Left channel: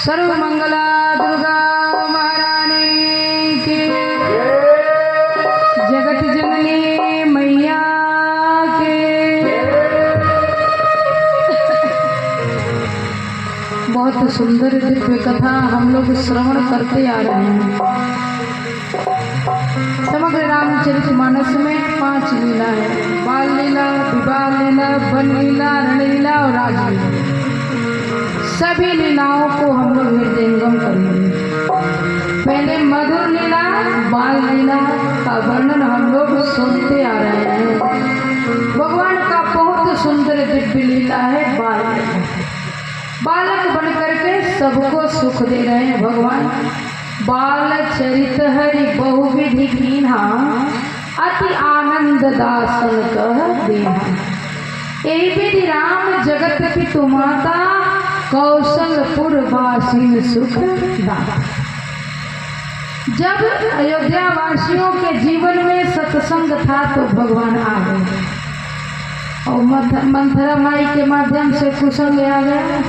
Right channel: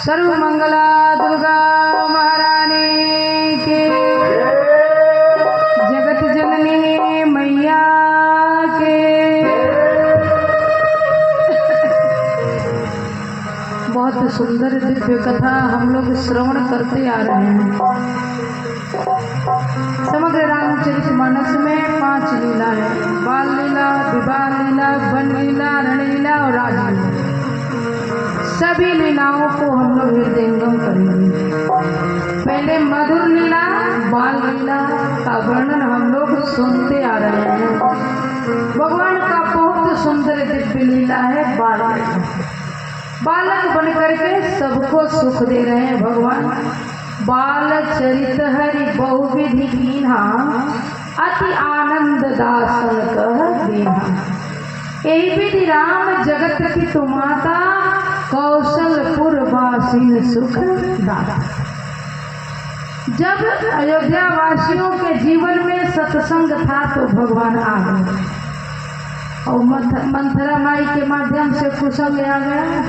सर्व मंगला दुर्गा महारानी के, जगत जननी मैया के। बहुत सुंदर दिव्य कथा हम लोग श्रवण करते आ रहे हैं। समग्र रामचरितमानस में 5 लीला है। बाल लीला, विवाह लीला, वन लीला, रणलीला और राजलीला। सभी लीलाओं को हम लोग हृदयंगम करेंगे। पहले मधुर लीला बाल लीला का वर्णन हम लोग सुनते आ रहे हैं। भगवान का बहुत सुंदर दिव्य लीला है बाल लीला। बालक बन करके सबको सुख दे रहे हैं भगवान। बाल चरित हरि बहुविधि कीन्हा, अति आनंद दासन कह देहा। यही विधि राम जगत पितु माता, कौशलपुर वासीन सुख दाता। जब अयोध्या वासियों के जीवन में सत्संग था तो भगवान आ गए और मंथरा माई के माध्यम से कुशल ले आ गया।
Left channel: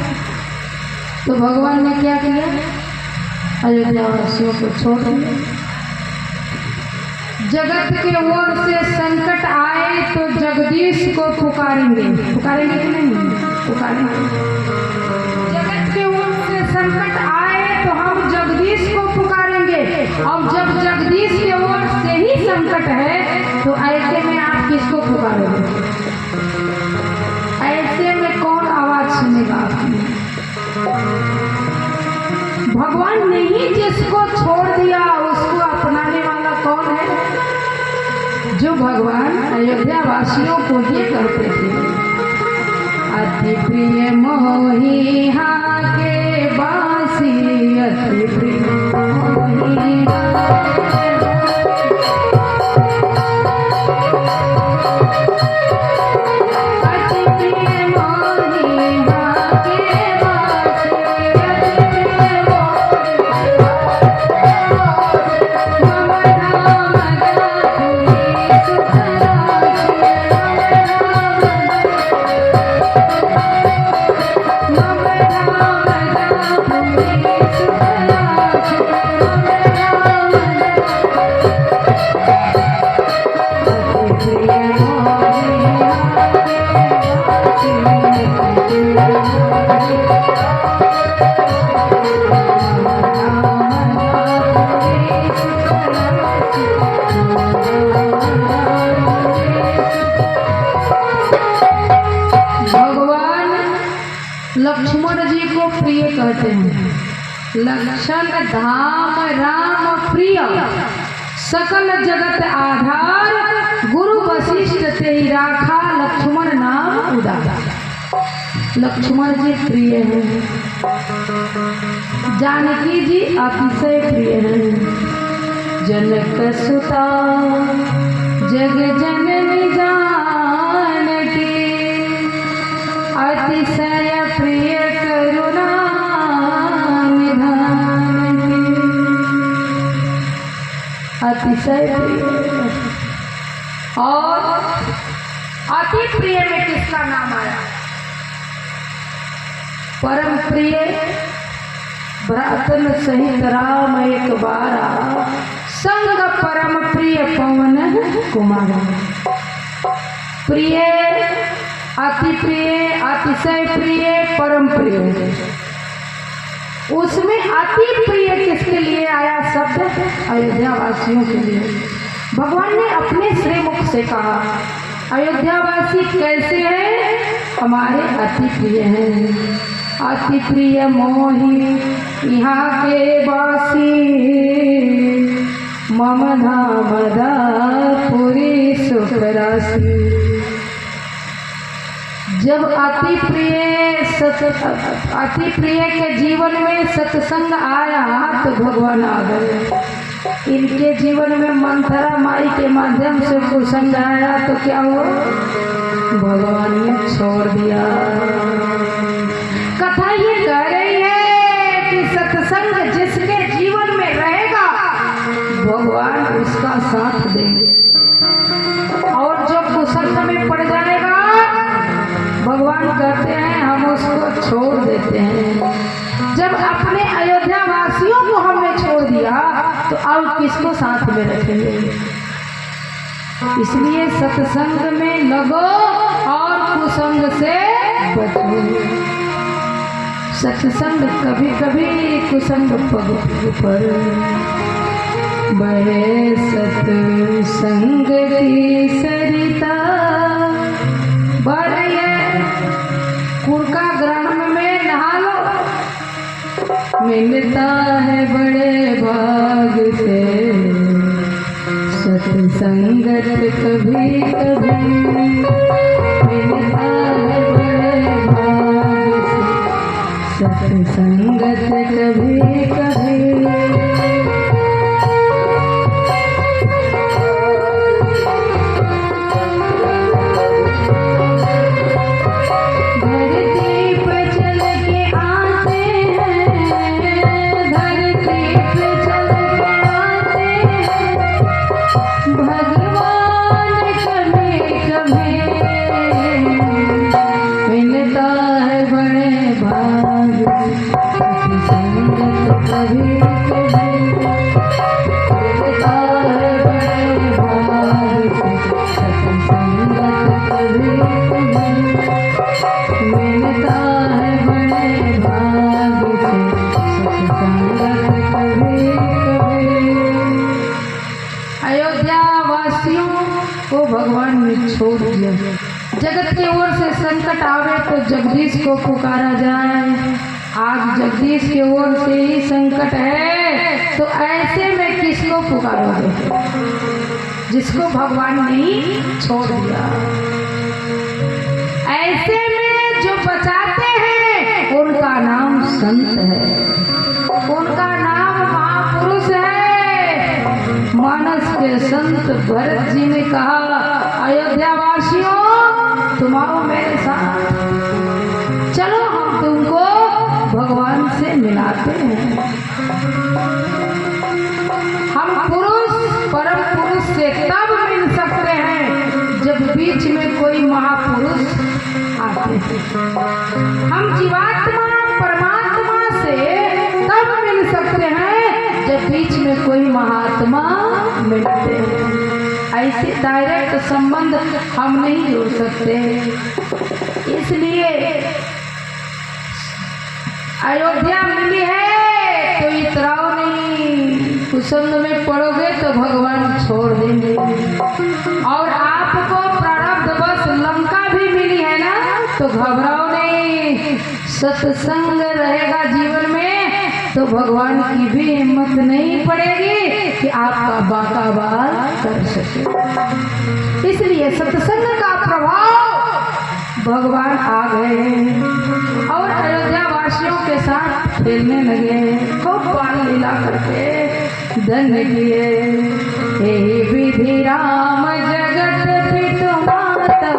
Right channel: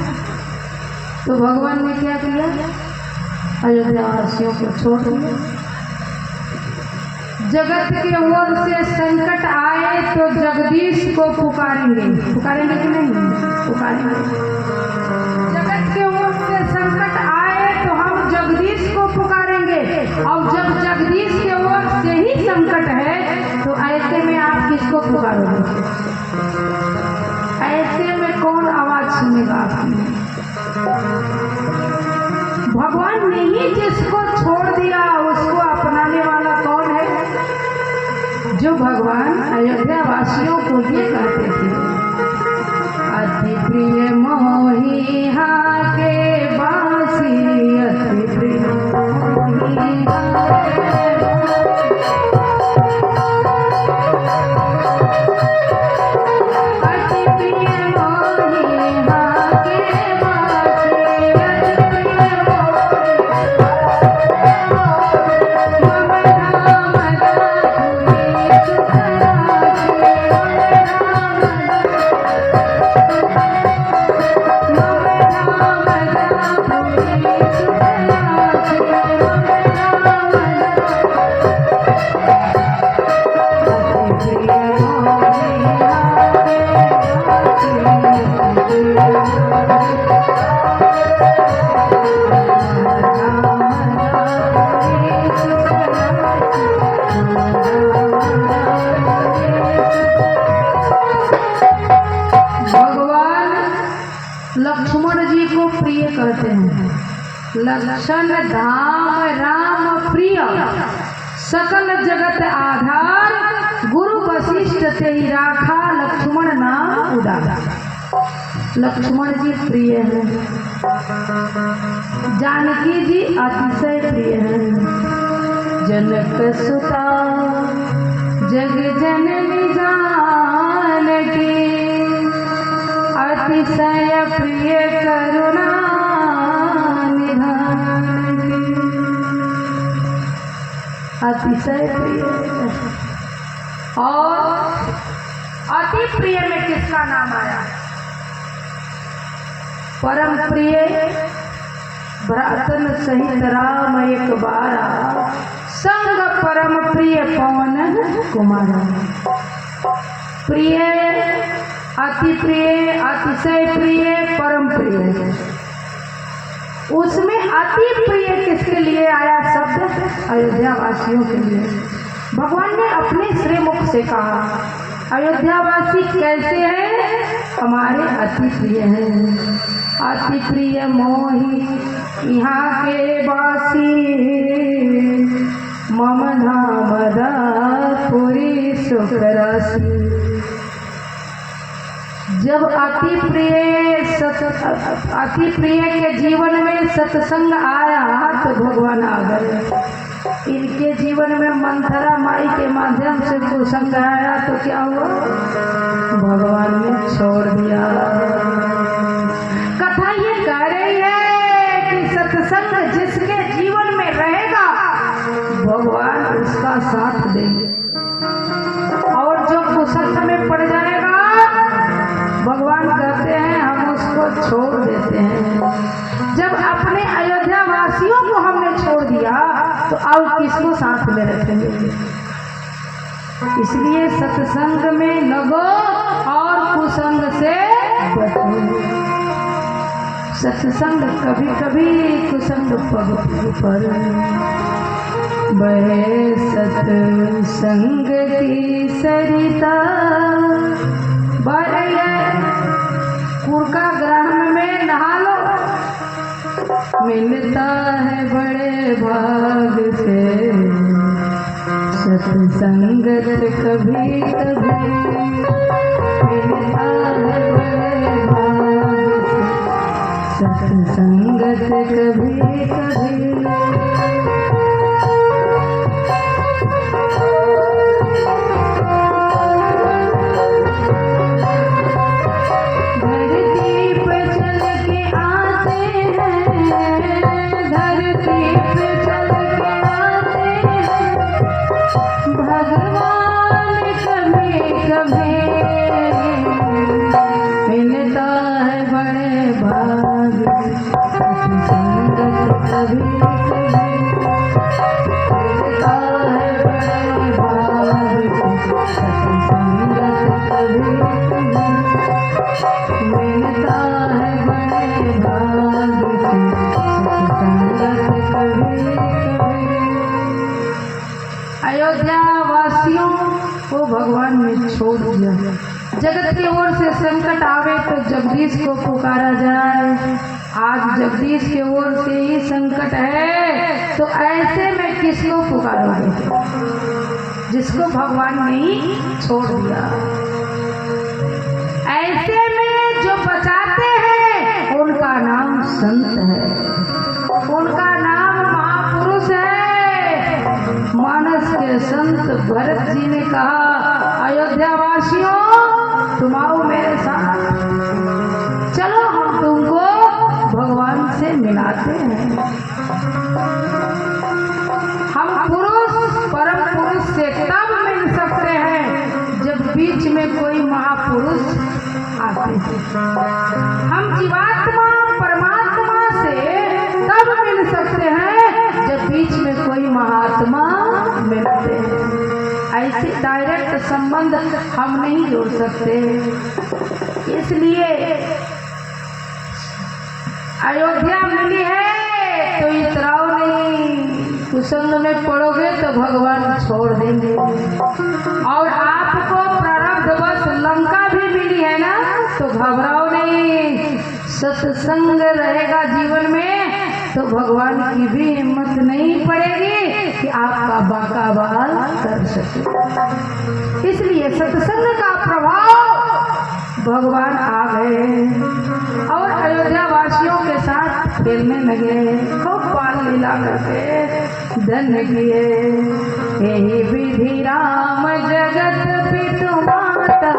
तो भगवान ने क्या किया? अयोध्या वासियों को छोड़ दिया। जगत के ओर से संकट आए तो जगदीश को पुकारेंगे। पुकारेंगे कि नहीं? पुकारेंगे। जगत के ओर से संकट आए तो हम जगदीश को पुकारेंगे। और जब जगदीश के ओर से ही संकट है तो ऐसे में आप किसको पुकारोगे? ऐसे में कौन आवाज सुनेगा आपने? भगवान ने ही जिसको छोड़ दिया उसको अपनाने वाला कौन है? जो भगवान अयोध्या वासियों को ये कहते थे, अति प्रिय मोहि हाँ के बासी, अति प्रिय मोहि लक्ष्मण जी को प्रिय कहते हैं। लक्षण धाम राम प्रिय, सकल जगत आधार, गुरु वशिष्ठ ते ही राखा, लक्ष्मण नाम उदार। लक्ष्मण जी प्रिय हैं। जानकी जी अतिशय प्रिय हैं। जनक सुता जग जननी जानकी, अतिशय प्रिय करुणा निधान की। अतिशय प्रिय। और अति प्रिय में किसका नाम आया? परम प्रिय भ्रातन सहित राम एक बारा, संग परम प्रिय पवन कुमारा। प्रिय, अति प्रिय, अतिशय प्रिय, परम प्रिय। उसमें अति प्रिय किसके लिए आया शब्द? अयोध्या वासियों के लिए। भगवान ने अपने श्रीमुख से कहा, अयोध्या वासी कैसे हैं? हमारे अति प्रिय हैं। अति प्रिय मोहि यहाँ के वासी, मम नाम अति प्रिय के जीवन में सत्संग आया तो भगवान आ गए। इनके जीवन में मंथरा माई के माध्यम से कुसंग आया तो क्या हुआ, भगवान ने छोड़ दिया। कथा ये कह रही है कि सत्संग जिसके जीवन में रहेगा भगवान उसका साथ देंगे, और जो कुसंग में पड़ जाएगा भगवान कहते हैं हम उसको छोड़ देते हैं। जब अपने अयोध्या वासियों को हमने छोड़ दिया तो अब किसको साथ में रखेंगे। इसलिए सत्संग में लगो और कुसंग से बचो। सत्संग कभी कभी कुसंग पर बहे सत्संग की सरिता कुर्का ग्रहण में नहा लो, मिलता है बड़े भाग से सत्संगत कभी कभी, मिलता है बड़े भाग से सत्संगत कभी कभी। जगत की ओर से संकट आवे तो जगदीश को पुकारा जाए। आज जगदीश की ओर से ही संकट है तो ऐसे में किसको पुकारोगे, जिसको भगवान ने ही छोड़ दिया। ऐसे में जो बचाते हैं उनका नाम संत है, उनका नाम महापुरुष है। मानस के संत भरत जी ने कहा अयोध्या वासियों तुम्हारो मेरे साथ चलो, हम तुमको भगवान से मिलाते हैं। हम पुरुष परम पुरुष से तब मिल सकते हैं जब बीच में कोई महापुरुष आते हैं। हम जीवात्मा परमात्मा से तब मिल सकते हैं जब बीच में कोई महात्मा मिलते हैं। ऐसे डायरेक्ट संबंध हम नहीं जोड़ सकते। इसलिए अयोध्या मिली है तो इतराओ नहीं, कुसंग में पड़ोगे तो भगवान छोड़ देंगे। और आपको प्रारब्धवश लंका भी मिली है ना तो घबराओ नहीं, सत्संग रहेगा जीवन में तो भगवान की भी हिम्मत नहीं पड़ेगी कि आपका बाका बाल कर सके। इसलिए सत्संग का प्रभाव भगवान आ गए और अयोध्या वासियों के साथ खेलने लगे, खूब बाल लीला करके धन्य किए। हे विधि राम जगत पितु माता,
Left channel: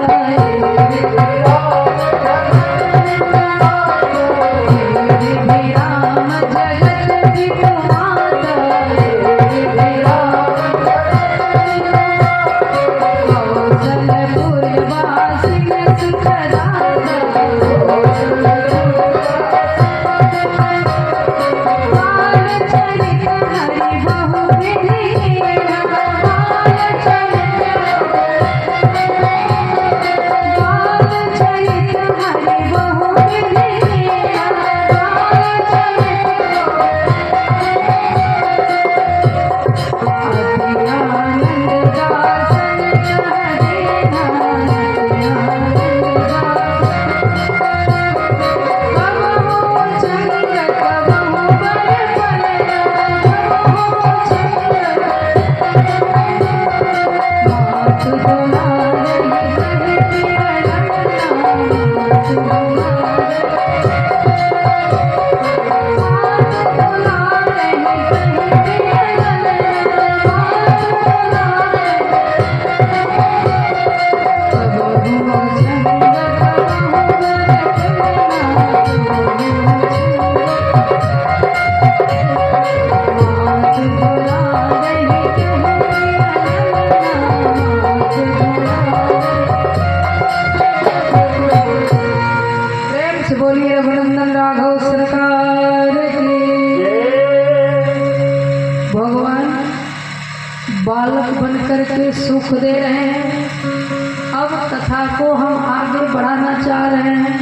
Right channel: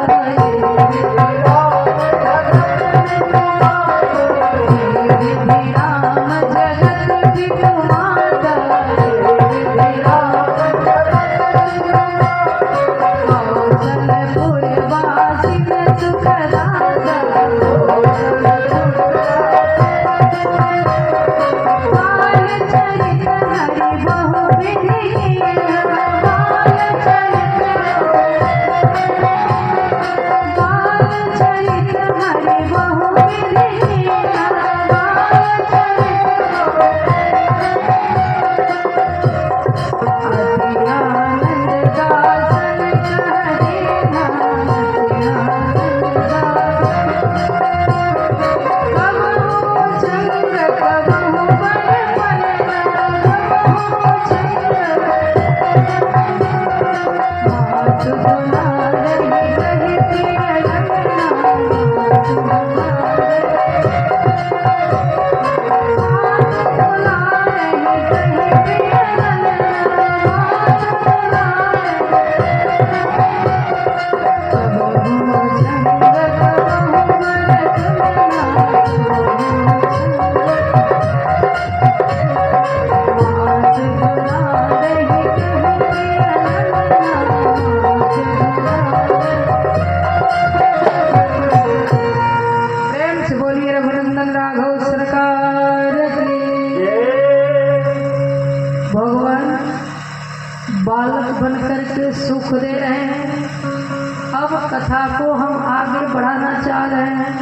करके सुख दे रहे हैं। अब कथा को हम आगे बढ़ाना चाह रहे हैं।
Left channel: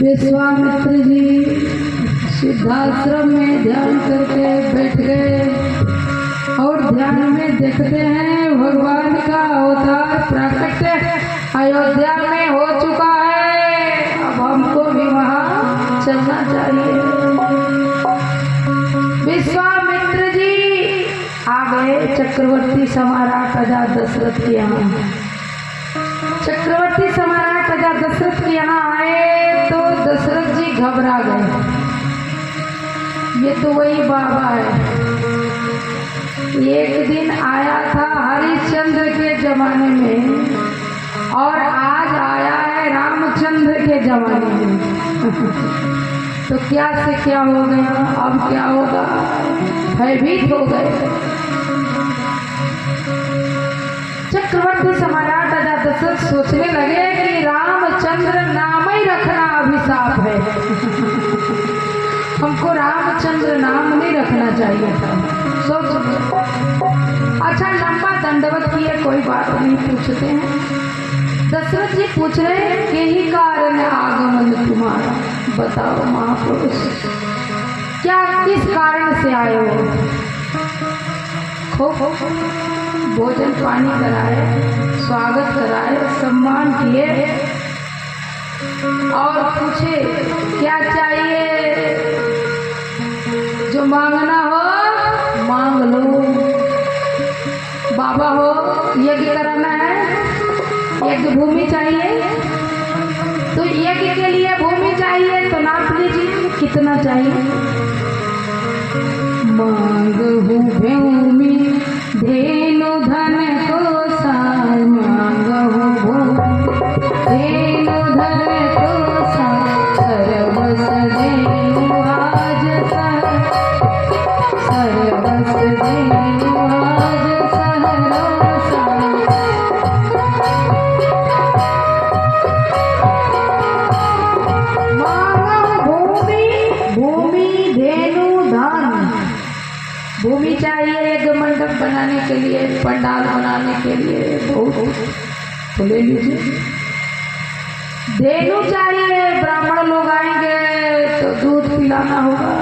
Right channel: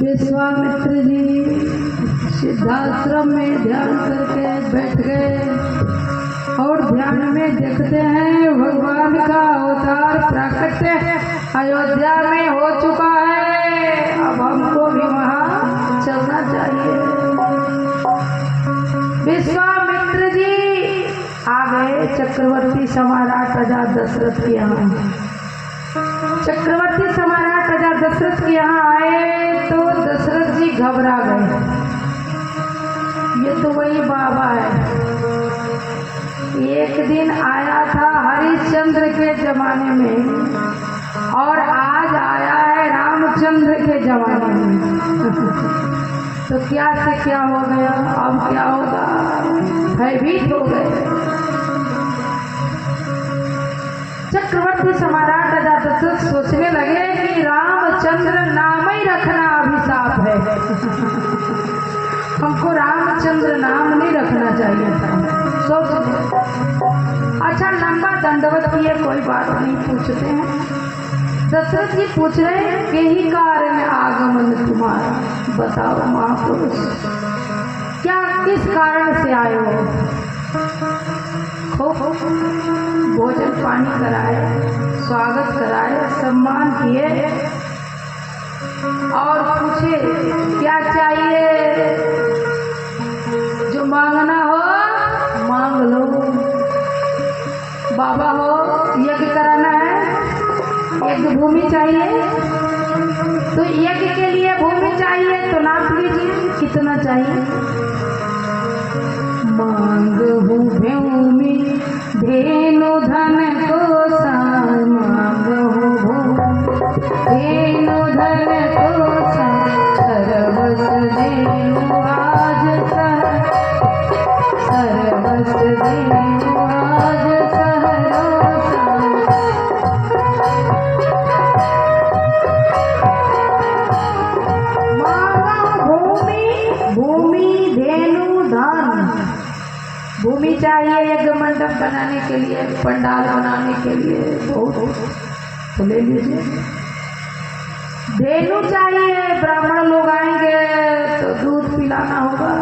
विश्वामित्र जी सिद्धाश्रम में ध्यान करके बैठ गए और ध्यान में देखते हैं भगवान का अवतार प्रकट अयोध्या में हो चुका है। अब हमको भी वहाँ चलना चाहिए। विश्वामित्र जी आ गए चक्रवर्ती सम्राट राजा दशरथ के यहाँ। चक्रवर्ती सम्राट राजा दशरथ के यहाँ आए तो दशरथ जी घबरा गए। ये तो वही बाबा है, एक दिन आया था हरिश्चंद्र के जमाने में और आज आया है रामचंद्र के जमाने में। तो क्या से क्या हो गया, अब क्या होगा, भयभीत हो गए। चक्रवर्ती सम्राट राजा दशरथ सोचने लगे कि रामचंद्र नाम ही रखना अभिशाप है। हमको रामचंद्र नाम नहीं रखना चाहिए था। सोच अच्छा लंबा दंडवत किए, कोई बात नहीं, पूछते हैं। दशरथ जी पूछ रहे हैं कि ही कारण आगमन तुम्हारा, बताओ महापुरुष, क्या किस कारण से आए हो? खूब भोजन पानी कराए, स्वागत कराए, सम्मान किए और पूछे क्या चाहिए, जो मांगना हो मांग लो। बाबा हो यज्ञ कराना है, यज्ञ भूमि चाहिए तो यज्ञ के लिए भूमि चाहिए तो नाप लीजिए कितना चाहिए। मांगहु भूमि धेनु धन को सार, मांगहु भूमि धेनु धन को सार, सर्वस देनु आज सर, सर्वस देनु आज भूमि चाहिए यज्ञ मंडप बनाने के लिए, पंडाल बनाने के लिए, तो ले लीजिए। धेनु चाहिए, ब्राह्मण लोग आएंगे तो दूध पिलाना होगा।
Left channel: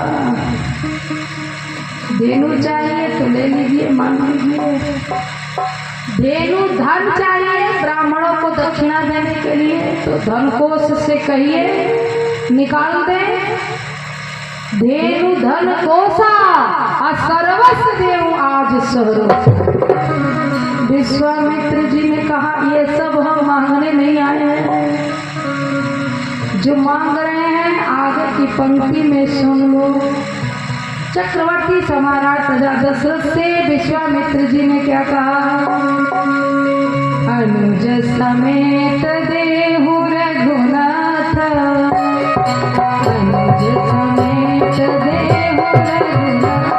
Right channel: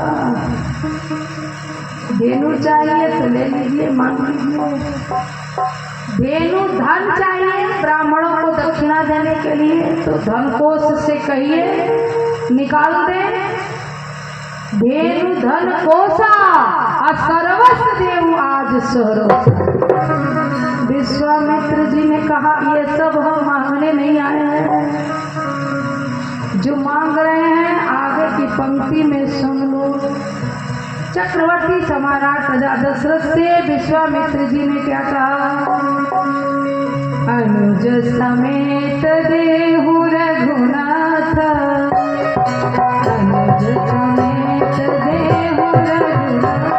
धेनु चाहिए तो ले लीजिए, मान लीजिए। धेनु धन चाहिए ब्राह्मणों को दक्षिणा देने के लिए तो धन कोष से कहिए निकाल दें। धेनु धन कोसा सर्वस्व देव आज सर्वस्व। विश्वामित्र जी ने कहा ये सब हम मांगने नहीं आए हैं, जो मांग रहे हैं आगे की पंक्ति में सुन लो। चक्रवर्ती सम्राट राजा दशरथ से विश्वामित्र जी ने क्या कहा, अनुज समेत देहु रघुनाथ, अनुज समेत देहु रघुनाथ,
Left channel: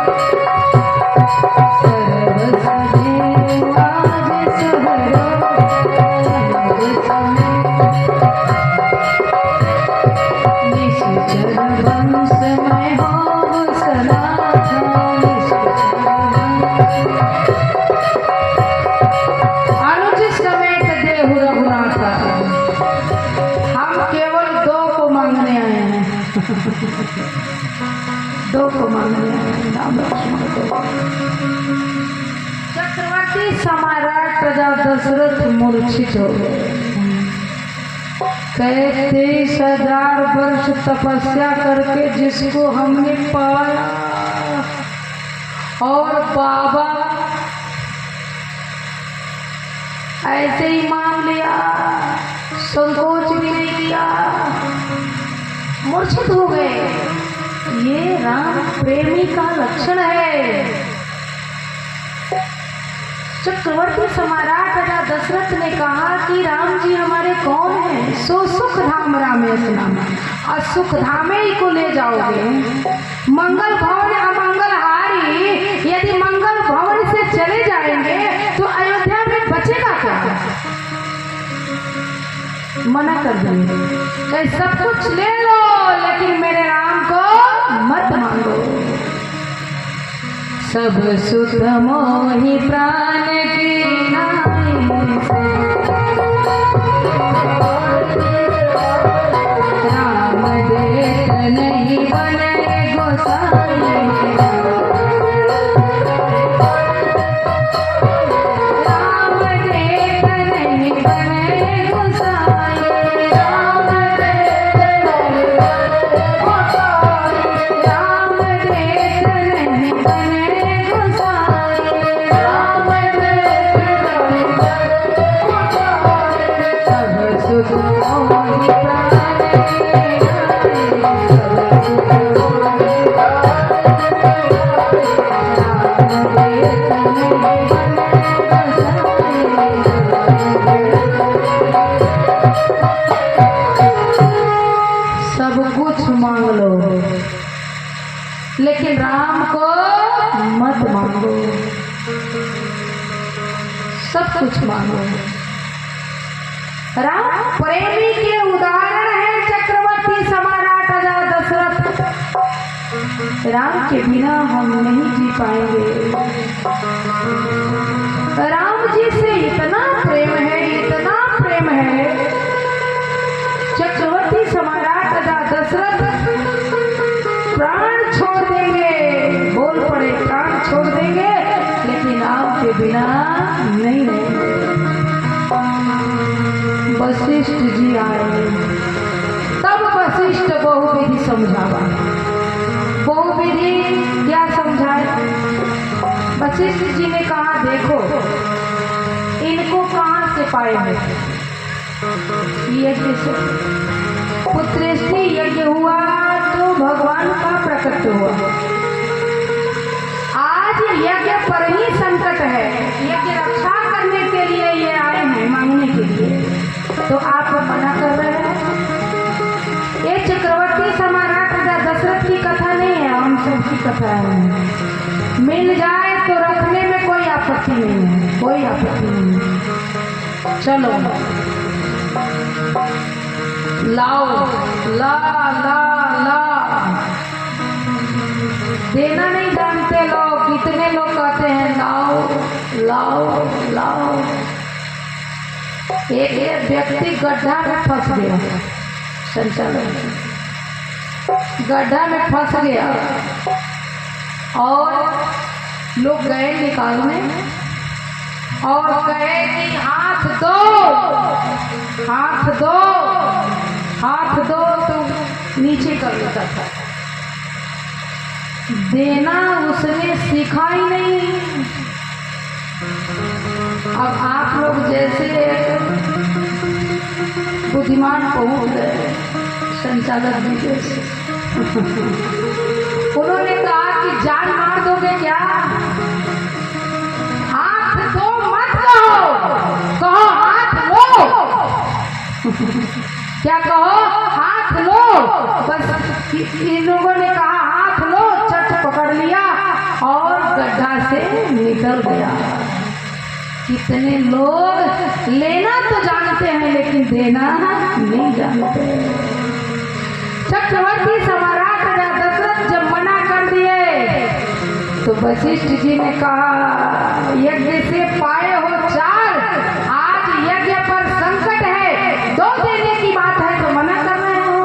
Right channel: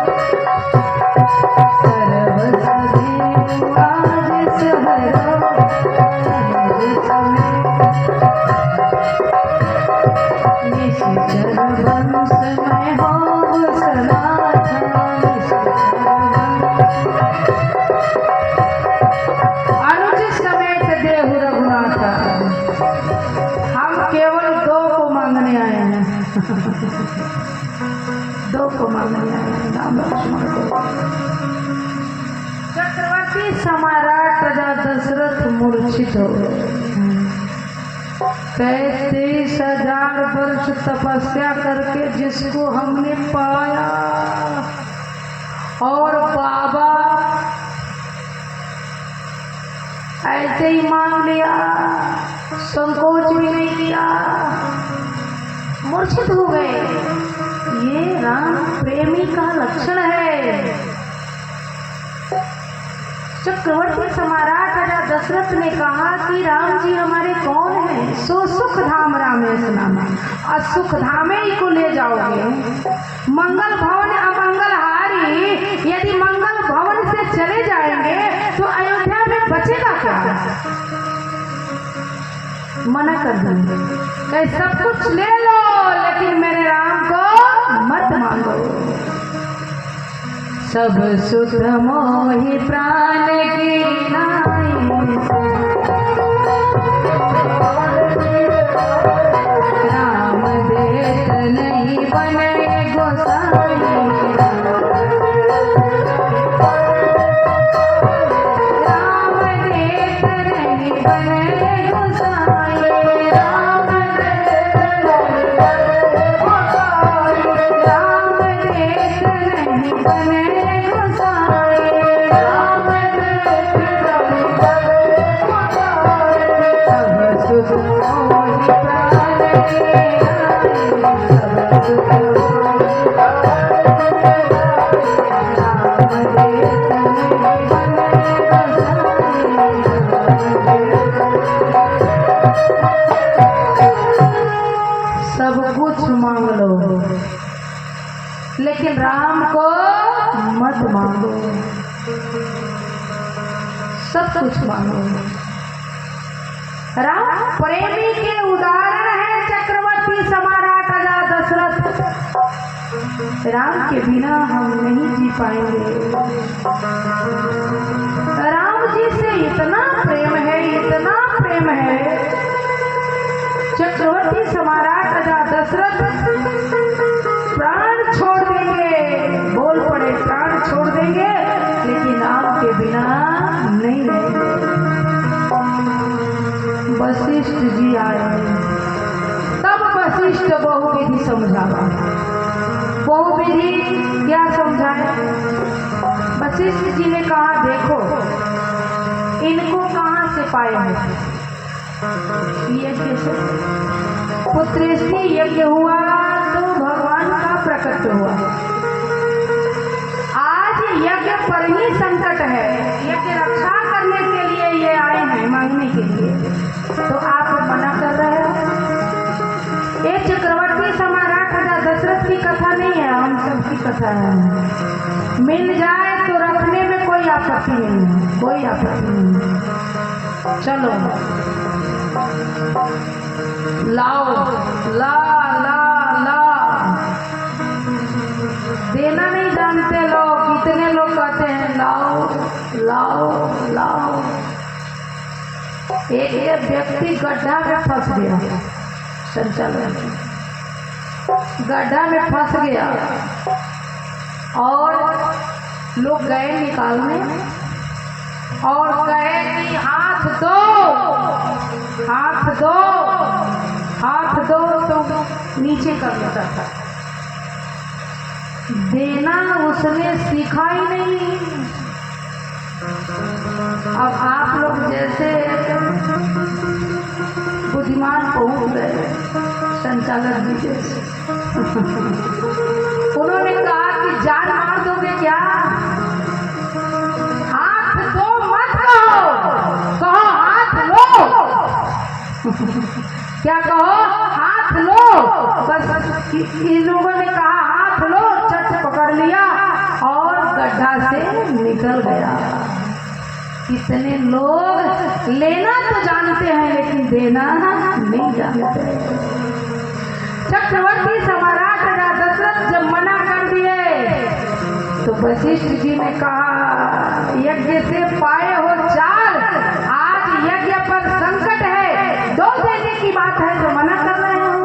सर्वस देहु आज सुहरो, अनुज समेत निश्चर वंश में हो सनातन, अनुज समेत देहु रघुनाथ। हम केवल दो को मांगने आए हैं, दो को मांगने आए हैं, राम लक्ष्मण को। चक्रवर्ती सम्राट राजा दशरथ मूर्छित हो गए। 33,000 वर्ष तपस्या करके जिसको हमने पाया और बाबा ऐसे ही मान लिया, संकोच भी नहीं किया, मूर्छित हो गए। ये राम प्रेमी का लक्षण है। चक्रवर्ती सम्राट राजा दशरथ ने कहा कि राम जी हमारे कौन हैं? सो सुख धाम रामेश नाम, और सुख धामे ही को ले जाओगे। मंगल भवन अमंगल हारी, यदि मंगल भवन से चले जाएंगे तो अयोध्या में बचेगा क्या? मना कर देंगे, कहीं सब कुछ ले लो लेकिन मेरे राम को मत मांगो। सब सुख मोहि प्राण की नाई से। राम देत नहीं बने गोसाई। राम देत नहीं बने गोसाई। राम देत नहीं बने गोसाई। राम देत नहीं बने गोसाई। राम देत नहीं बने गोसाई। सब सुख मोहि प्राण की नाई। सब सुख मोहि प्राण की नाई। राम देत नहीं गोसाई। सब कुछ मांग लो लेकिन राम को मत मांगो। सब कुछ मांगो। राम प्रेमी के उदाहरण है चक्रवर्ती सम्राट राजा दशरथ। राम के बिना हम नहीं जी पाएंगे। राम जी से इतना प्रेम है, इतना प्रेम है। चक्रवर्ती सम्राट राजा दशरथ प्राण छोड़ देंगे, बोल पड़े प्राण छोड़ देंगे, लेकिन आपके बिना नहीं रहेंगे। वशिष्ठ जी आए, तब वशिष्ठ बहुविधि समझावा। बहुविधि क्या समझाए? वशिष्ठ जी ने कहा देखो इनको कहाँ से पाए हैं? यज्ञ से। पुत्रेष्टि यज्ञ हुआ तो भगवान का प्रकट हुआ। आज यज्ञ पर ही संकट है। यज्ञ रक्षा करने के लिए ये आए हैं, मांगने के लिए, तो आप मना कर रहे हैं। ये चक्रवर्ती सम्राट राजा दशरथ की कथा नहीं है, हम सबकी कथा है। मिल जाए तो रखने में कोई आपत्ति नहीं है, कोई आपत्ति नहीं है। चलो लाओ, ला ला ला। देना नहीं जानते लोग, कितने लोग कहते हैं लाओ लाओ लाओ। एक व्यक्ति गड्ढा में फंस गया, संचालन गड्ढा में फंस गया और लोग गए निकालने और कहे कि हाथ दो, हाथ दो, हाथ दो, तो नीचे कर लेता था। देना उसने सीखा ही नहीं। अब आप लोग जैसे बुद्धिमान पहुंच गए संचालक जी जैसे। उन्होंने कहा कि जान मार दोगे क्या? हाथ दो मत कहो, कहो हाथ लो। क्या कहो? हाथ लो। बस इन लोगों ने कहा हाथ लो, चट पकड़ लिया और गड्ढा से निकल गया। कितने लोग लेना तो जानते हैं लेकिन देना नहीं जानते। चक्रवर्ती सम्राट राजा दशरथ जब मना कर दिए तो वशिष्ठ जी ने कहा यज्ञ से पाए हो 4, आज यज्ञ पर संकट है, 2 देने की बात है तो मना कर रहे हो।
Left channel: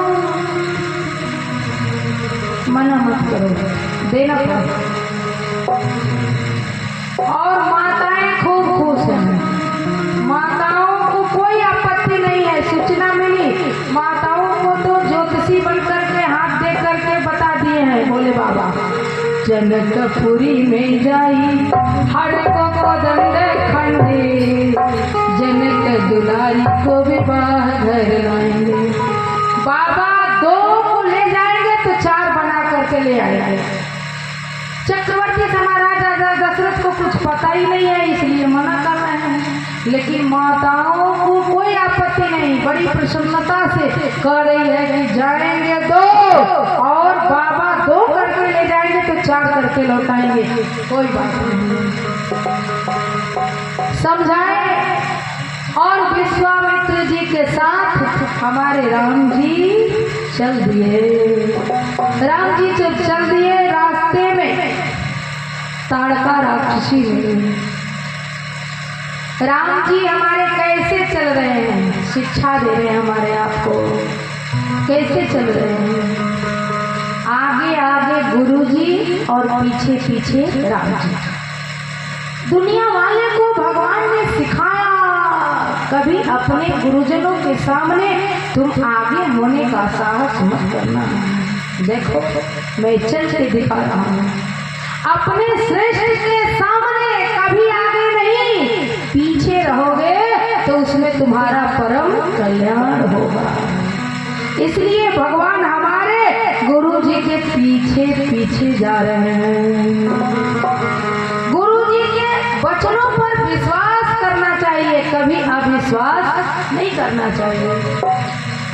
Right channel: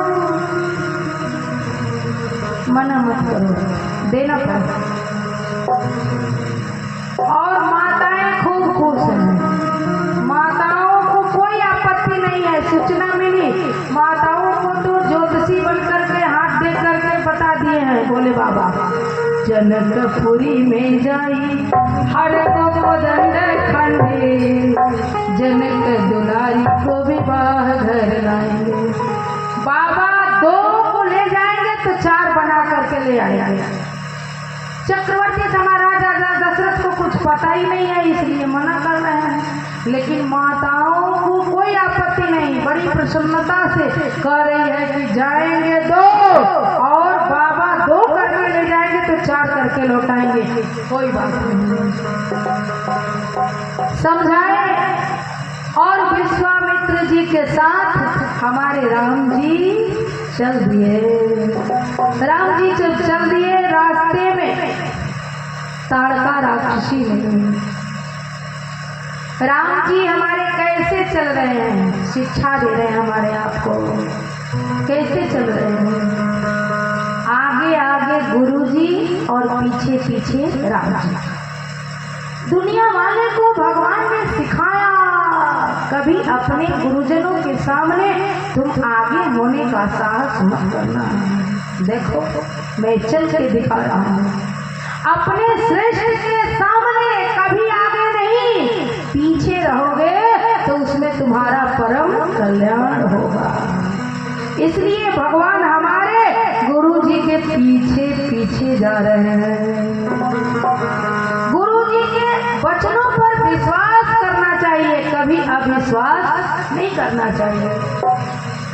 मना मत करो, देना पड़ेगा। और माताएं खूब खुश हैं, माताओं को कोई आपत्ति नहीं है। सूचना मिली, माताओं को तो ज्योतिषी बन करके हाथ दे करके बता दिए हैं बोले बाबा। जनकपुरी में जाई हर को दंड खंडे, जनक दुलारी को विवाह घर लाएंगे। बाबा 2 को ले जाएंगे तो 4 बना करके ले आएंगे। चक्रवर्ती सम्राट राजा दशरथ को कुछ पता ही नहीं है, इसलिए मना कर रहे हैं। लेकिन माताओं को कोई आपत्ति नहीं, बड़ी प्रसन्नता से कह रही है कि जाएंगे 2 और बाबा 2 करके ले जाएंगे तो 4 करके लौटाएंगे, कोई बात नहीं। समझाए। और विश्वामित्र जी के साथ हमारे राम जी चल दिए। राम जी जब चल दिए रास्ते में खुशी मिली। राम जी हमारे कैसे चल रहे हैं, शिक्षा दे रहे हैं हमारे आप को, कैसे चल रहे हैं। आगे आगे गुरु जी और पीछे पीछे राम जी। दुनिया वाले को भगवान ने सिखाया, कभी अपने गुरुजनों के सामने तुम आगे होने का साहस मत करना। देखो मैं चल के दिखा रहा हूँ, अपने श्रेष्ठ के सामने कभी आगे नहीं, पीछे रहोगे तो उसमें तुम्हारा परम कल्याण होगा। इसलिए भगवान हमारे गुरु जी के पीछे पीछे जा रहे हैं। गुरु जी के वचनों पर विश्वास करना चाहिए, कभी अविश्वास नहीं करना चाहिए।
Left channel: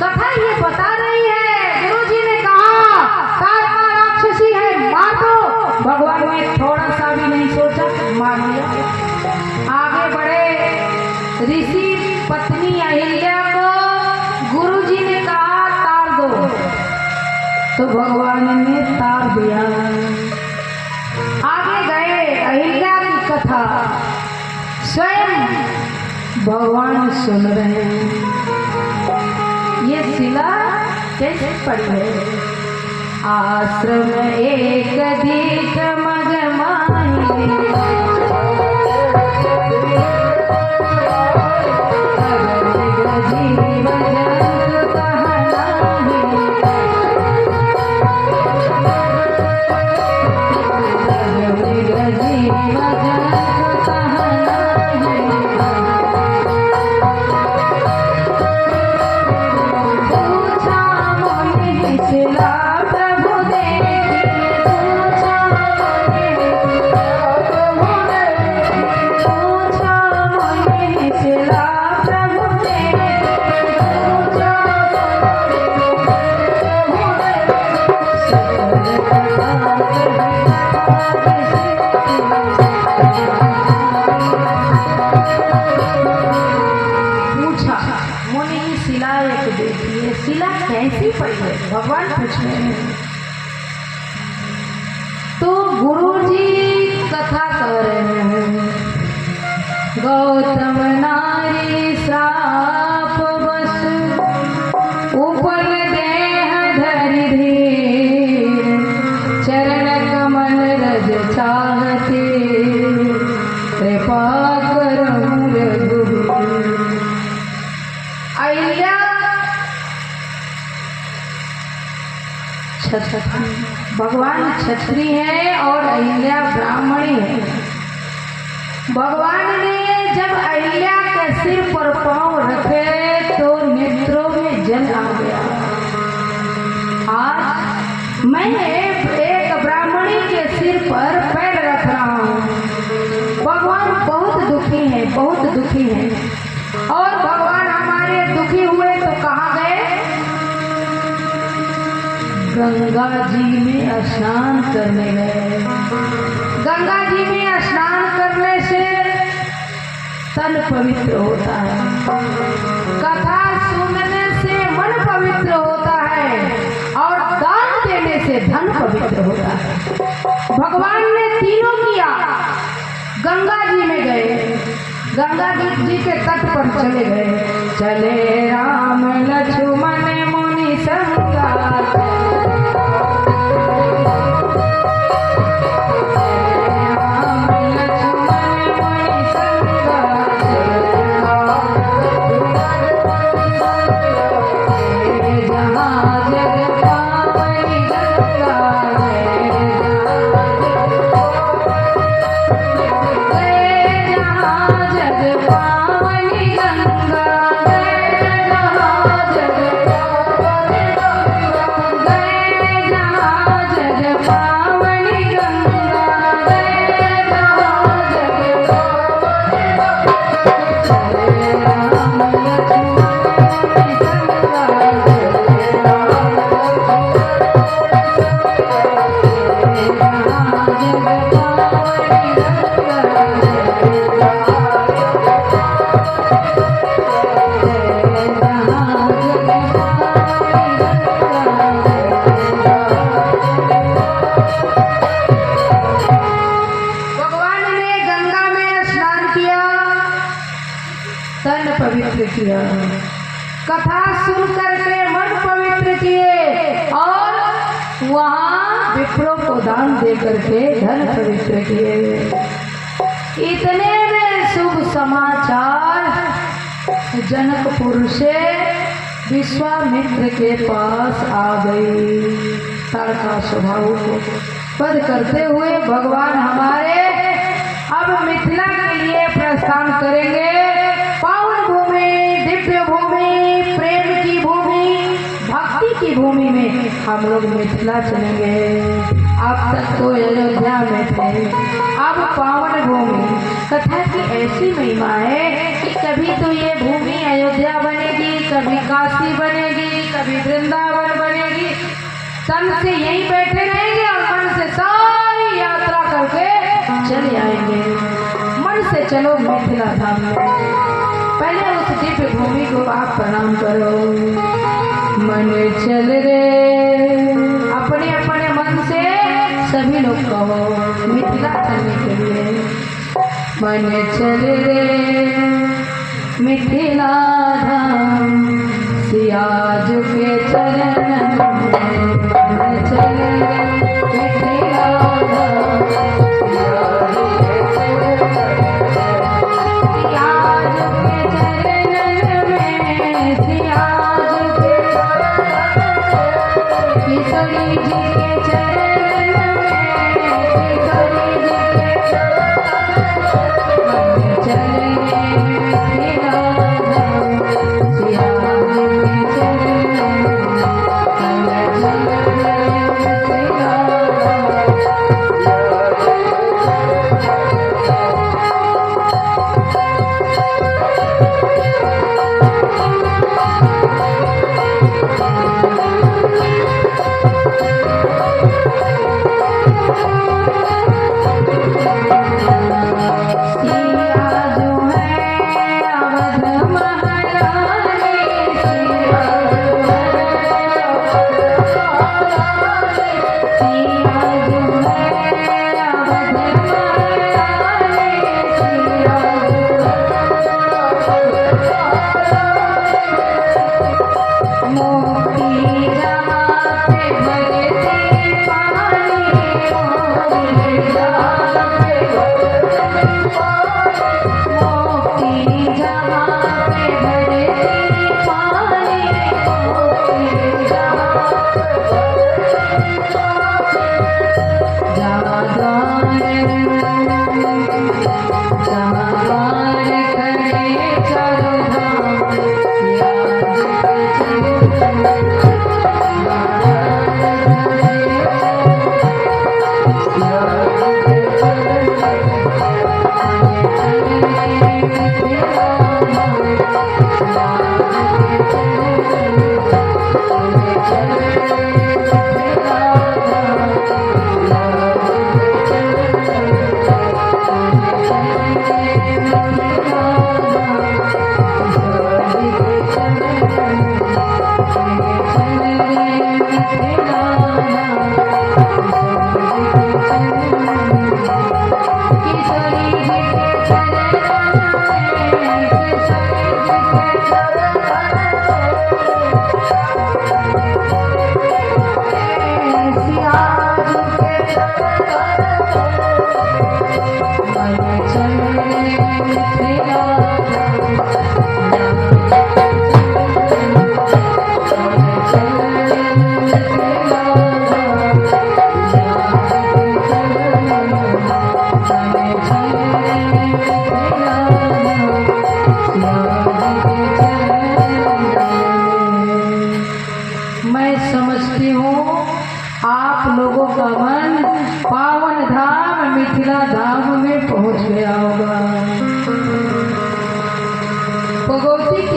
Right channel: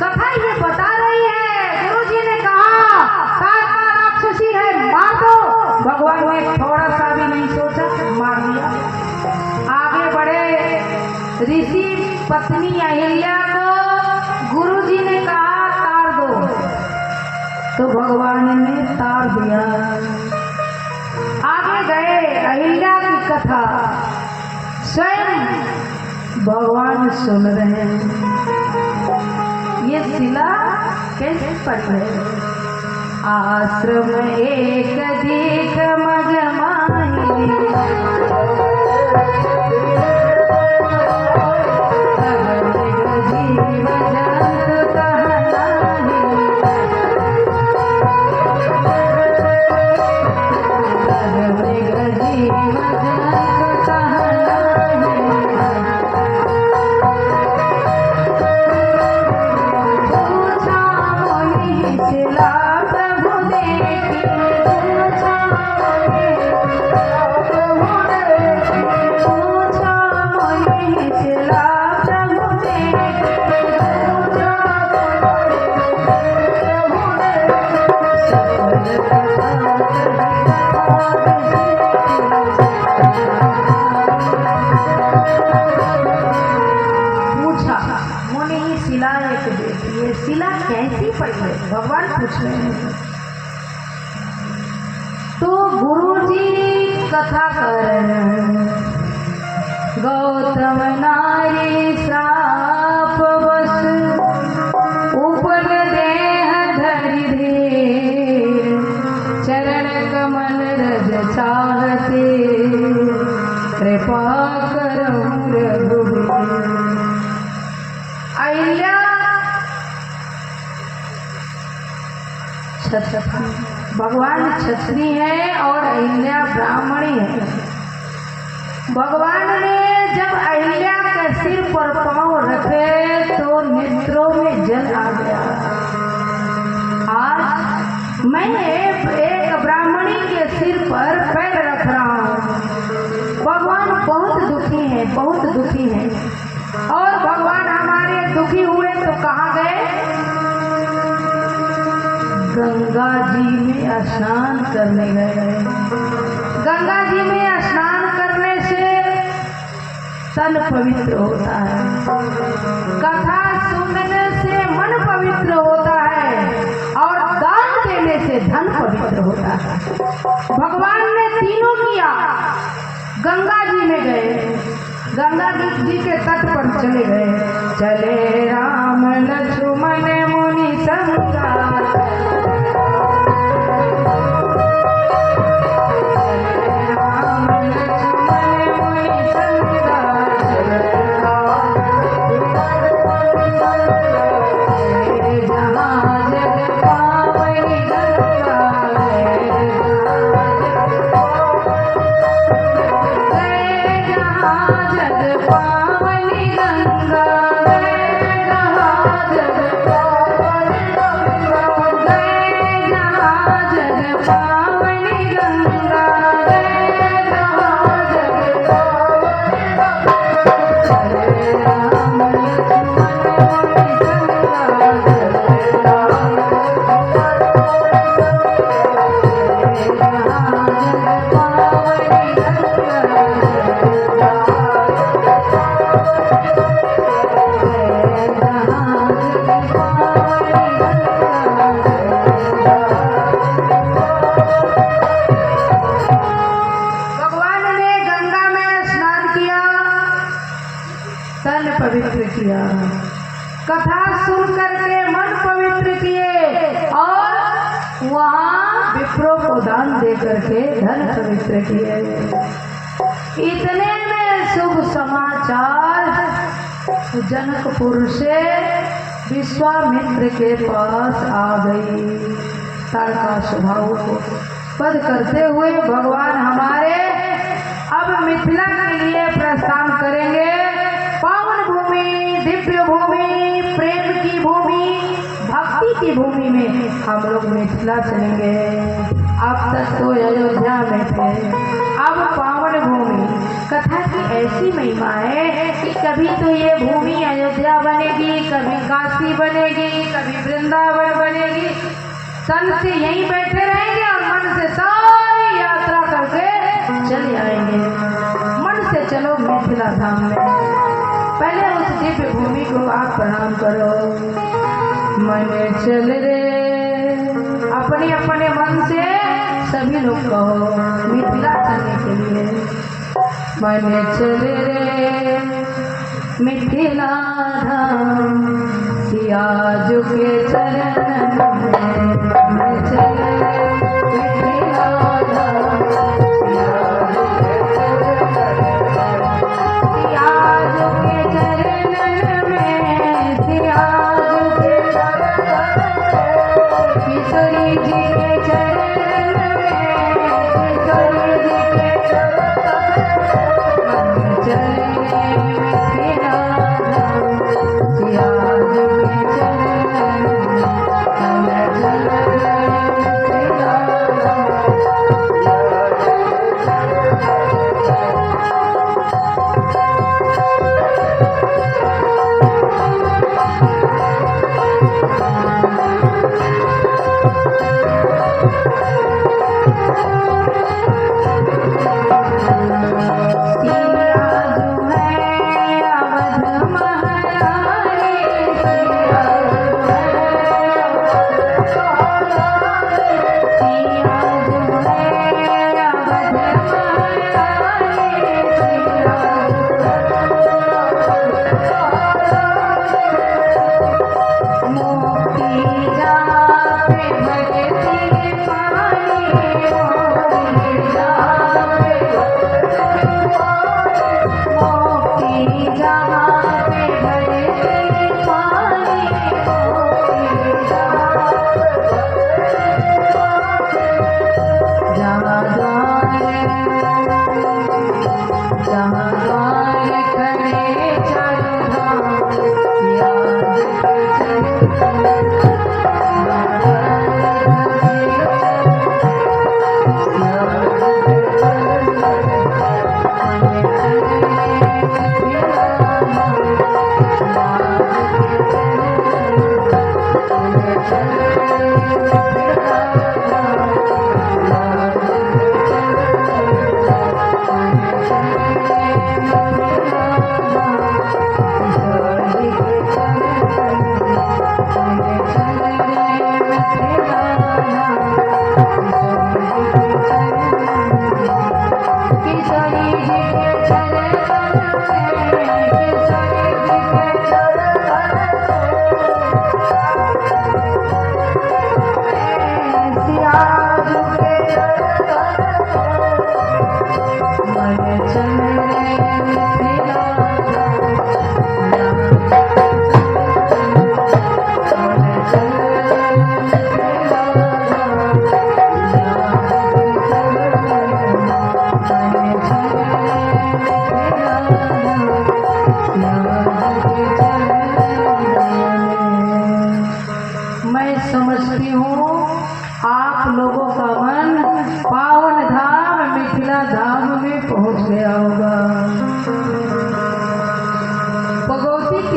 कथा ये बता रही है, गुरु जी ने कहा तारा राक्षसी है, मार दो। भगवान ने थोड़ा सा भी नहीं सोचा, मार दिया। आगे बढ़े ऋषि पत्नी अहिल्या को गुरु जी ने कहा तार दो, तो भगवान ने तार दिया। आगे गए, अहिल्या की कथा स्वयं भगवान सुन रहे हैं। ये शिला कैसे पड़ी है। आश्रम एक दीक मगमाई, जीव जंतु कहनाही, जीव जंतु कहनाही। पूछा मोहि शिला प्रभु देखी, पूछा मोहि शिला प्रभु देखी, पूछा मोने ही शिला एक देखी है, शिला कैसी पड़ी है, भगवान पूछ रहे हैं। तो गुरु जी कथा कर रहे हैं। गौतम नारी साप बस, उपल देह धरि धीर, चरण कमल रज चाहते, कृपा करहु रघुवीर। अहिल्या भगवान क्षत्रिय है और अहिल्या ब्राह्मणी है। भगवान ने जब अहिल्या के सिर पर पांव रखे तो नेत्रों में जल आ गया। आज मैं एक ब्राह्मणी के सिर पर पैर रख रहा हूँ। भगवान बहुत दुखी है, बहुत दुखी है। और भगवान हमारे दुखी हुए तो कहाँ गए, गंगा जी में स्नान करने गए। गंगा जी में स्नान करने से तन पवित्र होता है, कथा सुनने से मन पवित्र होता है और दान देने से धन पवित्र होता है। भगवान ने तीनों किया। गंगा जी में गए, गंगा जी के तट पर चले गए। चले राम लक्ष्मण मुनि संगा, जग तन पवित्र किया, कथा सुन करके मन पवित्र किए और वहाँ विप्रों को दान दे करके धन पवित्र किए। इतने में शुभ समाचार जनकपुर से विश्वामित्र के पास आ गई। तारका स्वभाव को पद करते हुए भगवान हमारे अब मिथिला के लिए प्रस्थान करेंगे। पावन भूमि, दिव्य भूमि, प्रेम की भूमि, भक्ति की भूमि में हम लोग मिथिला चलेंगे। अब तक तो अयोध्या में थे, अब पावन भूमि। कथा की ऐसी महिमा है कि कभी तो ये भूमि अयोध्या बनेगी, कभी काशी बनेगी, कभी वृंदावन बनेगी। तन से यहीं बैठे रहेंगे और मन से सारी यात्रा करके चले आएंगे। मन से चलो मिथिला धाम में, पहले उस दिव्य भूमि को आप प्रणाम करो। मन चल रे, अपने अपने मन से सभी लोग कहो मिथिला चलने के लिए। मन चल रे मिथिला धाम, सिया जो के चरण में। मन चल रे मिथिला धाम, सिया जो के चरण में। सिया जो के चरण में, सिया जो के चरण में। किशोरी जी के चरण में, किशोरी जी के चरण में। चल रे मिथिला धाम, सिया जो के चरण में। चल रे मिथिला धाम।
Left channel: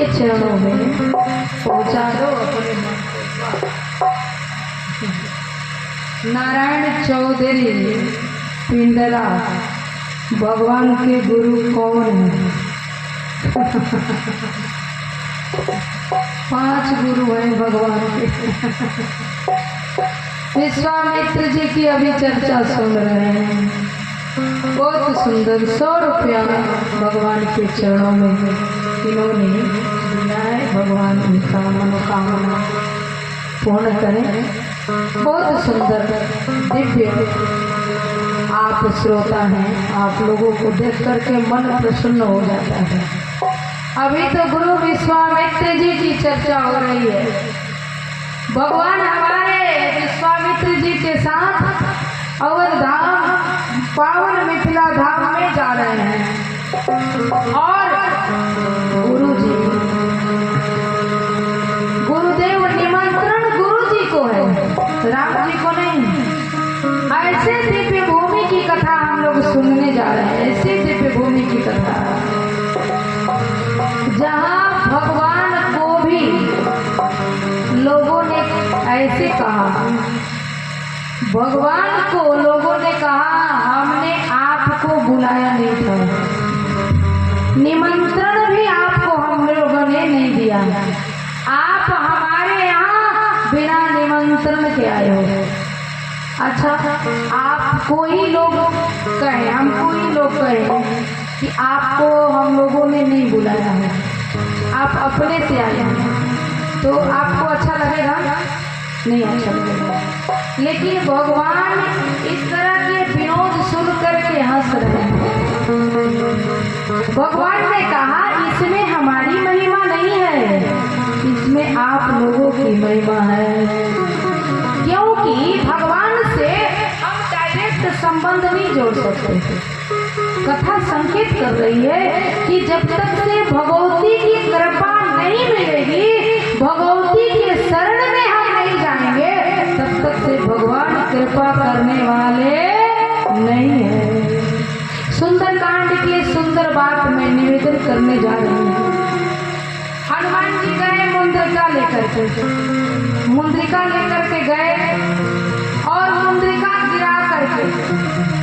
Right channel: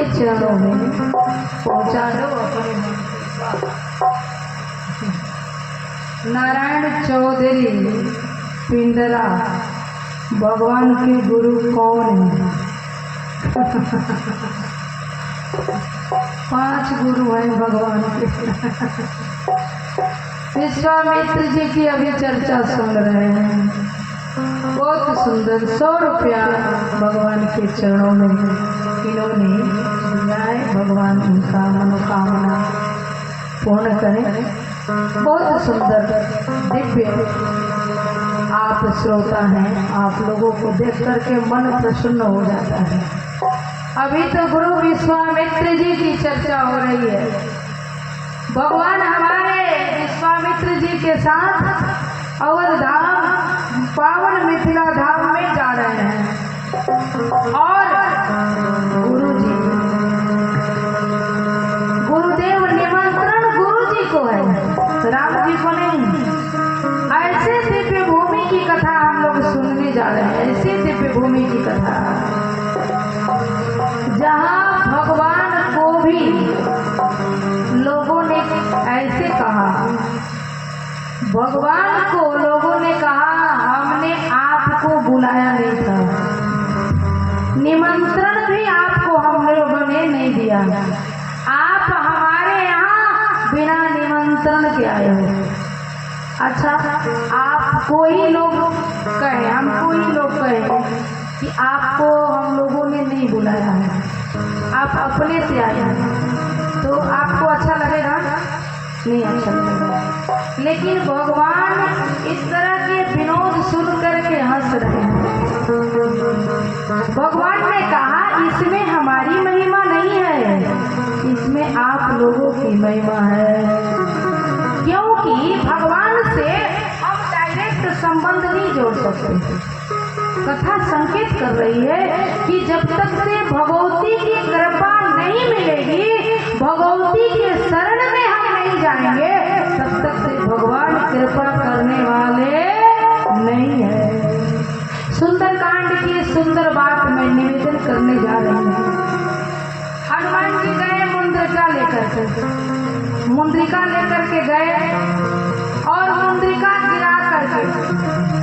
चरणों में पहुंचा दो अपने नारायण चौधरी पिंडरा भगवान के गुरु कौन है? 5 गुरु हैं भगवान के। विश्वामित्र जी की अभी चर्चा सुन रहे हैं। बहुत सुंदर 100 रुपया भगवान के चरणों में है। इन्होंने दिया है, भगवान उनका मनोकामना पूर्ण करें। बहुत सुंदर दिव्य आप श्रोता हैं, आप लोगों को देख करके मन प्रसन्न हो जाता है। अभी तो गुरु विश्वामित्र जी की चर्चा हो रही है। भगवान हमारे विश्वामित्र जी के साथ अवध धाम पावन मिथिला धाम में जा रहे हैं और गुरुदेव निमंत्रण गुरु जी को है, राम जी को नहीं। ऐसे दिव्य भूमि की कथा हम लोग सुनने जा रहे हैं, ऐसी दिव्य भूमि की कथा जहाँ भगवान को भी लोगों ने ऐसे कहा, भगवान को लोगों ने कहा हमने आपको बुलाया नहीं था, निमंत्रण भी आपको हम लोगों ने नहीं दिया, आप हमारे यहाँ बिना निमंत्रण के आए हो। अच्छा, आपको ही लोग कहे, हमको ही लोग कहे कि आपको हम लोगों ने नहीं बुलाया है, आप अपने से आए हैं, तो आपको अच्छा लगेगा? नहीं अच्छा लगेगा। लेकिन भगवान इस तरह के विनोद सुन करके हंस रहे हैं। भगवान ने कहा इसमें हमारी महिमा नहीं है, इसमें आप लोगों की महिमा है, क्योंकि भगवान से हम डायरेक्ट संबंध नहीं जोड़ सकते। कथा संकेत कर रही है कि जब तक से भगवती की कृपा नहीं मिलेगी, भगवती के शरण में हम नहीं जाएंगे, तब तक से भगवान कृपा करने वाले नहीं है। सुंदरकांड की सुंदर बात मैं निवेदन करने जा रही हूँ। हनुमान जी गए मुंद्रिका लेकर के गए और मुंद्रिका गिरा करके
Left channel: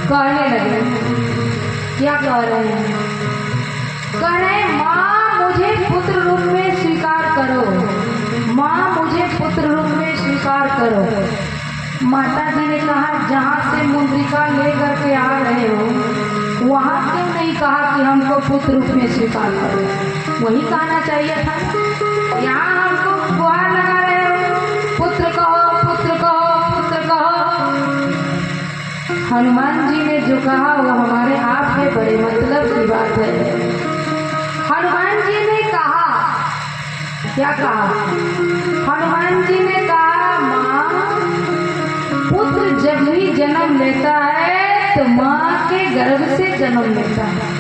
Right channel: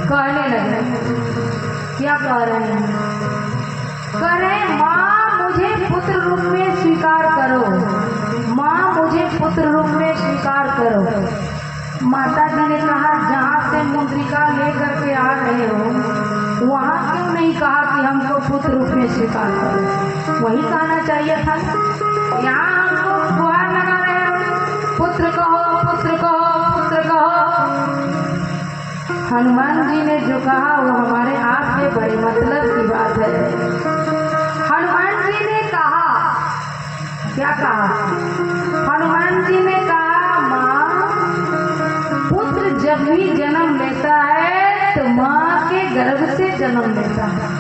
कहने लगे, क्या कह रहे हैं? कह रहे माँ मुझे पुत्र रूप में स्वीकार करो, माँ मुझे पुत्र रूप में स्वीकार करो। माता जी ने कहा जहाँ से मुंद्रिका लेकर के आ रहे हो वहाँ क्यों नहीं कहा कि हमको पुत्र रूप में स्वीकार करो? वही कहना चाहिए था। यहाँ हमको गुहार लगा रहे हो, पुत्र कहो पुत्र कहो पुत्र कहो। हनुमान जी ने जो कहा वो हमारे आप के बड़े मतलब की बात है। हनुमान जी ने कहा, क्या कहा? हनुमान जी ने कहा माँ पुत्र जब भी जन्म लेता है तो माँ के गर्भ से जन्म लेता है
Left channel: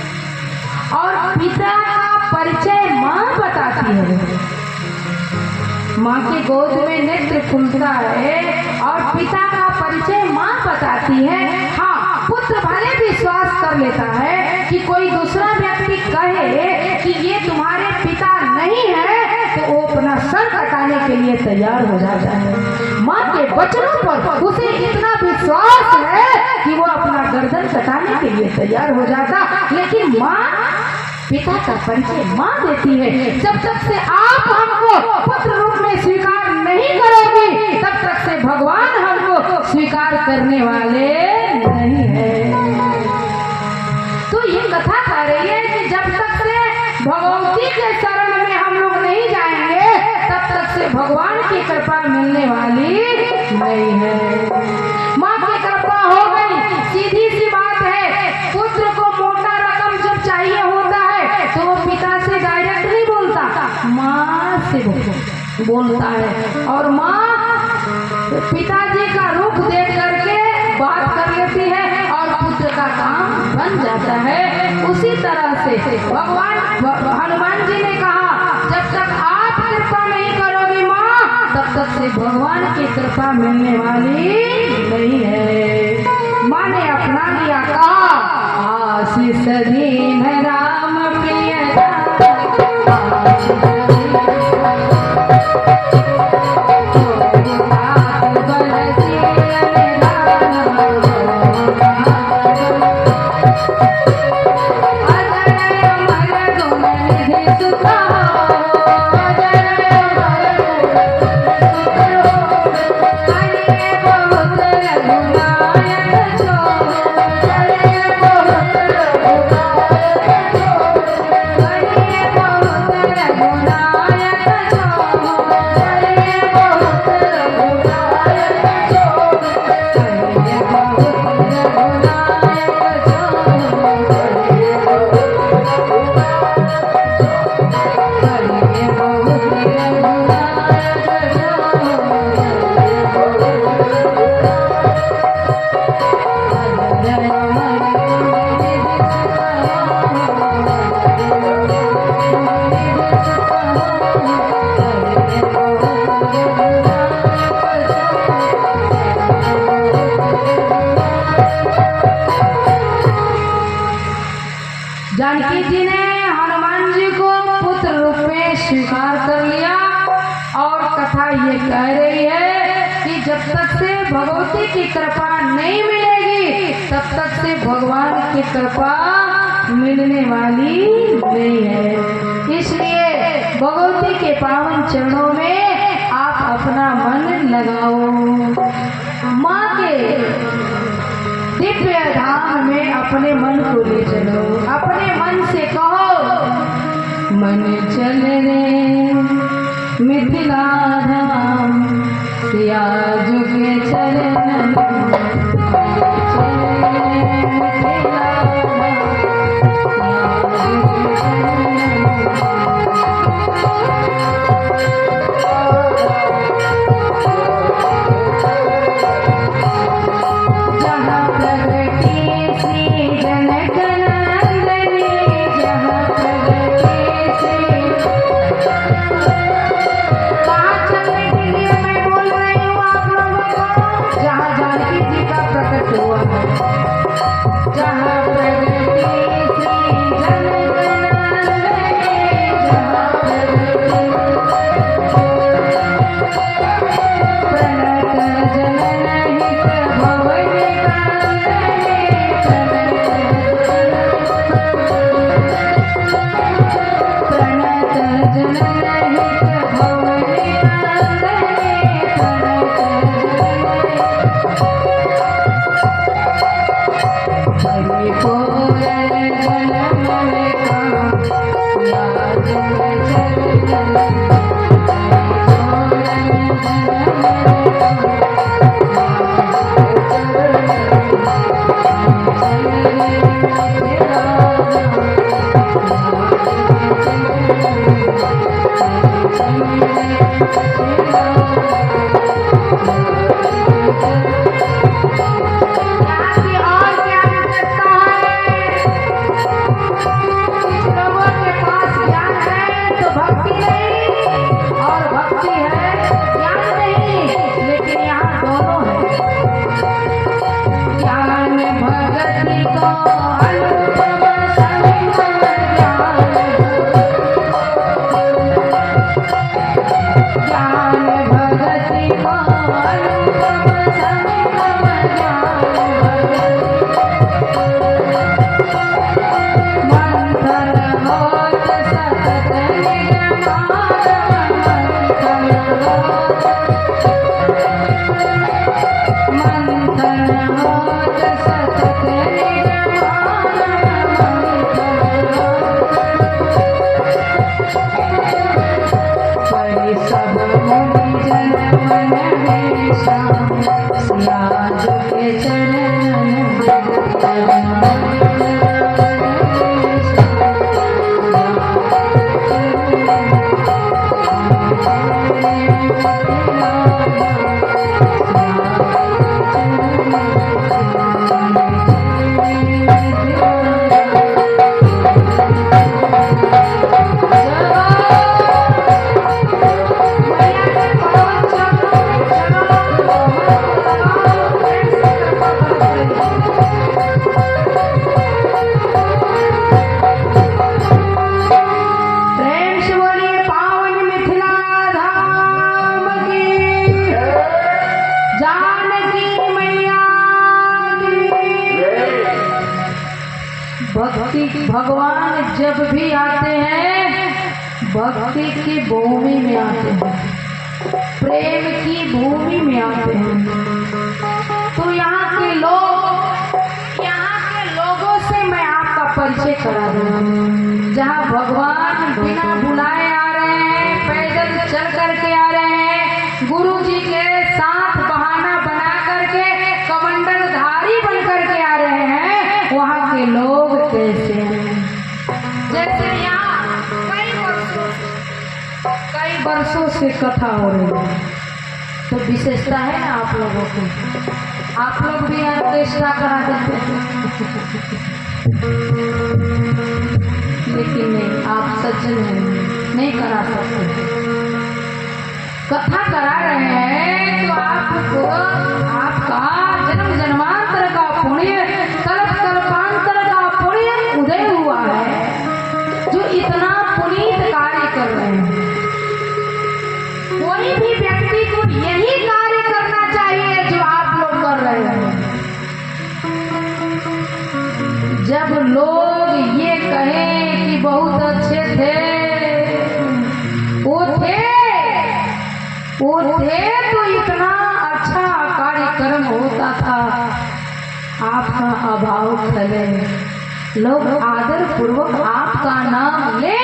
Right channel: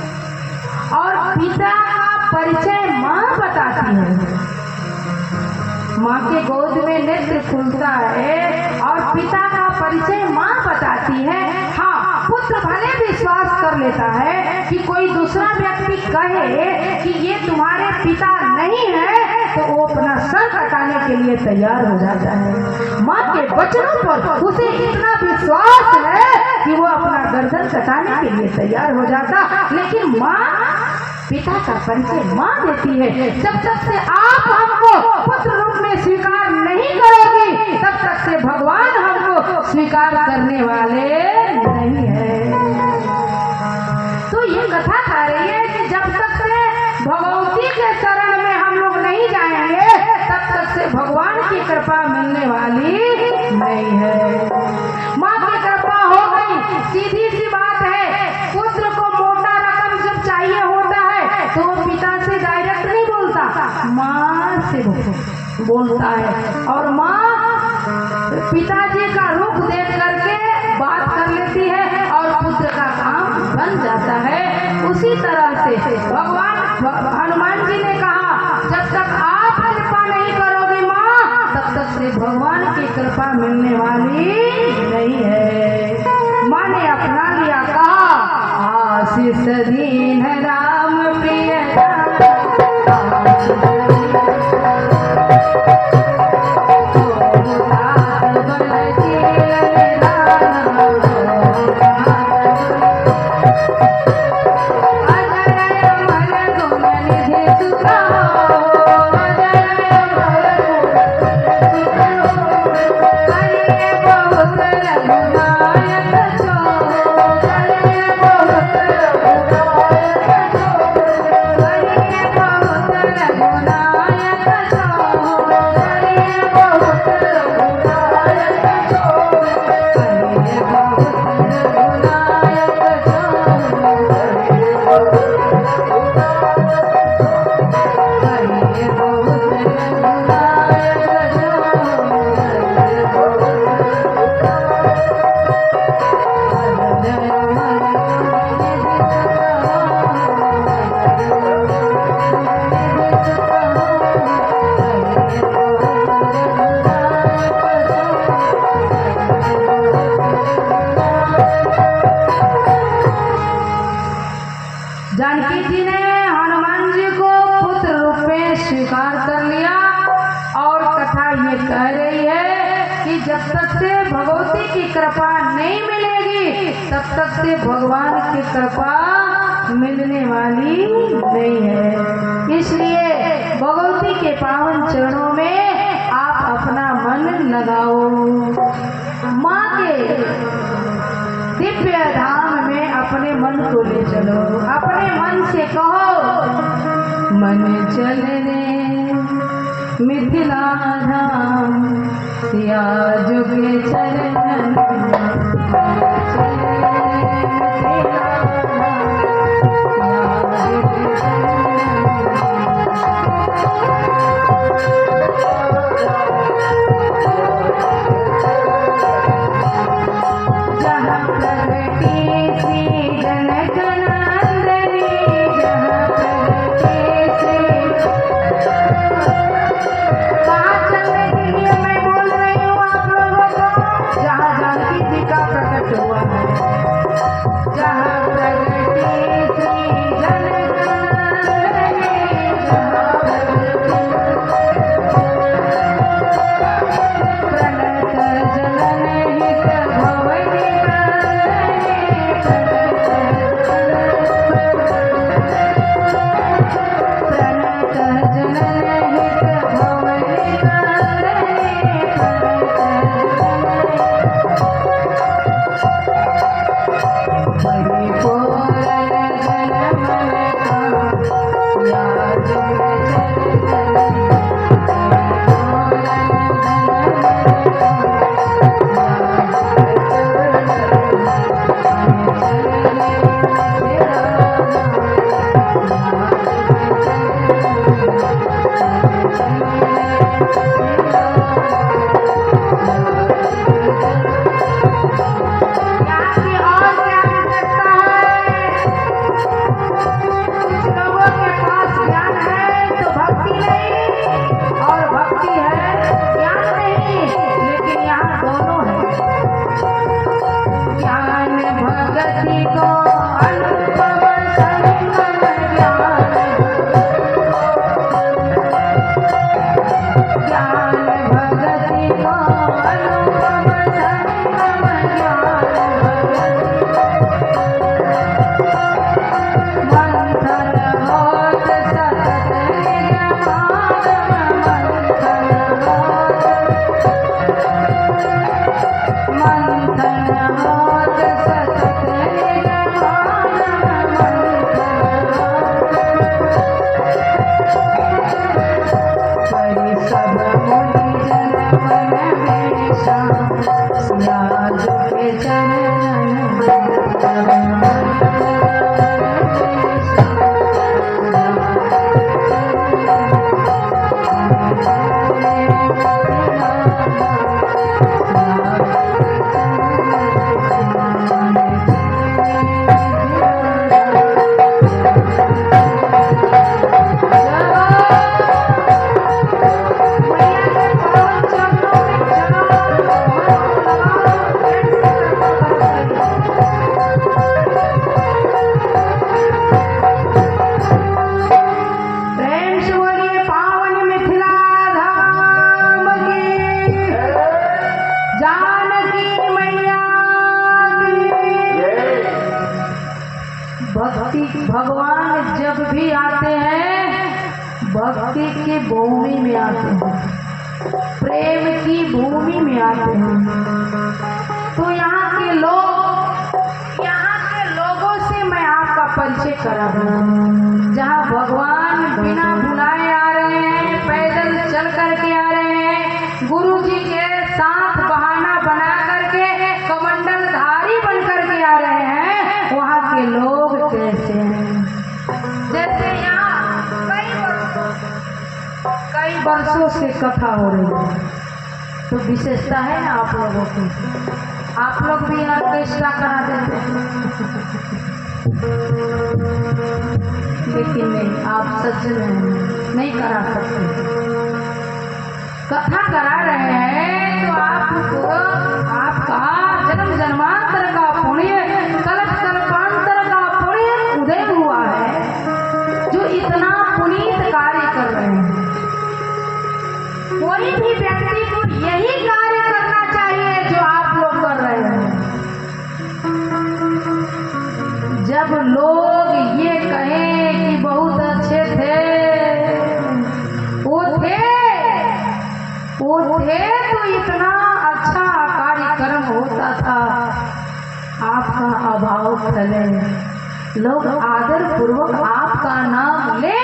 और पिता का परिचय माँ बताती है। माँ के गोद में नेत्र खुलता है और पिता का परिचय माँ बताती है। हाँ, पुत्र भले विश्वास कर लेता है कि कोई दूसरा व्यक्ति कहे कि ये तुम्हारे पिता नहीं है तो वो अपना सर कटाने के लिए तैयार हो जाता है। माँ के वचनों पर उसे इतना विश्वास है कि वो अपना गर्दन कटाने के लिए तैयार हो जाता। लेकिन माँ पिता का परिचय माँ देती है। जब तक से आप हमको पुत्र रूप में स्वीकार नहीं करोगी तब तक से भगवान हमको स्वीकार करने वाले नहीं है। तो ये कथा कह रही है कि जब तक से भगवती के शरण में हम लोग नहीं जाएंगे तब तक से भगवान की कृपा मिलने वाली नहीं है। माँ की कृपा हो गई, सीधी सी बात है। पुत्र को मोटा रकम जब चाहिए होता है तो वो पिता से डायरेक्ट नहीं बोलता, माँ से बोलता है और माँ पिताजी का रूप देख करके बात कर लेती है और पुत्र का काम बन जाता है। उसी तरह से भगवान हनुमान जी ने कहा जब तक आप कृपा नहीं करोगे माँ तब तक से भगवान की कृपा मिलने वाली नहीं है। माँ ने अपना लिया, कहा आशीष दीन राम प्रिय जानकी जी ने हनुमान जी को पुत्र रूप में स्वीकार कर लिया। और कथा ये कह रही है कि जब तक से भगवती की कृपा नहीं मिलेगी तब तक से भगवान की कृपा मिलने वाली नहीं है। इसलिए भगवती के पावन चरणों में आप अपना मन लगाओ। माँ के दिव्य धाम में अपने मन को ले चलो। अपने मन से कहो, मन चल रे मिथिला धाम, सिया जुगे चरण, चल रे मिथिला धाम, सिया जुगे भगवान जब भी आते हैं भक्ति की भूमि में आते हैं, प्रेम की भूमि में आते हैं। तो यहाँ के लोगों से मैं आपका परिचय करा दूँ। जहाँ भगवान बिना बुलाए आ रहे हैं, पैदल चल करके आ रहे हैं, गुरु जी के साथ बहाना बना करके कमंडलधारी बन करके आ रहे हैं, वहाँ के लोग कैसे हैं? जैसे यहाँ कई वर्षों से कथा हो रही है, तो विशेषता है ना आप लोगों की। आप लोग भी यहाँ ऑर्केस्ट्रा करा देते हैं, लेकिन नहीं, आप सज्जन हैं, नहीं करा सकते। कथा करा रहे हैं तो आपको आपका जन्म जन्मांतर का पुण्य, कल्प कल्पांतर का पुण्य उदय हुआ है। अभाव खले। लोग आदर पूर्वक आपका नाम ले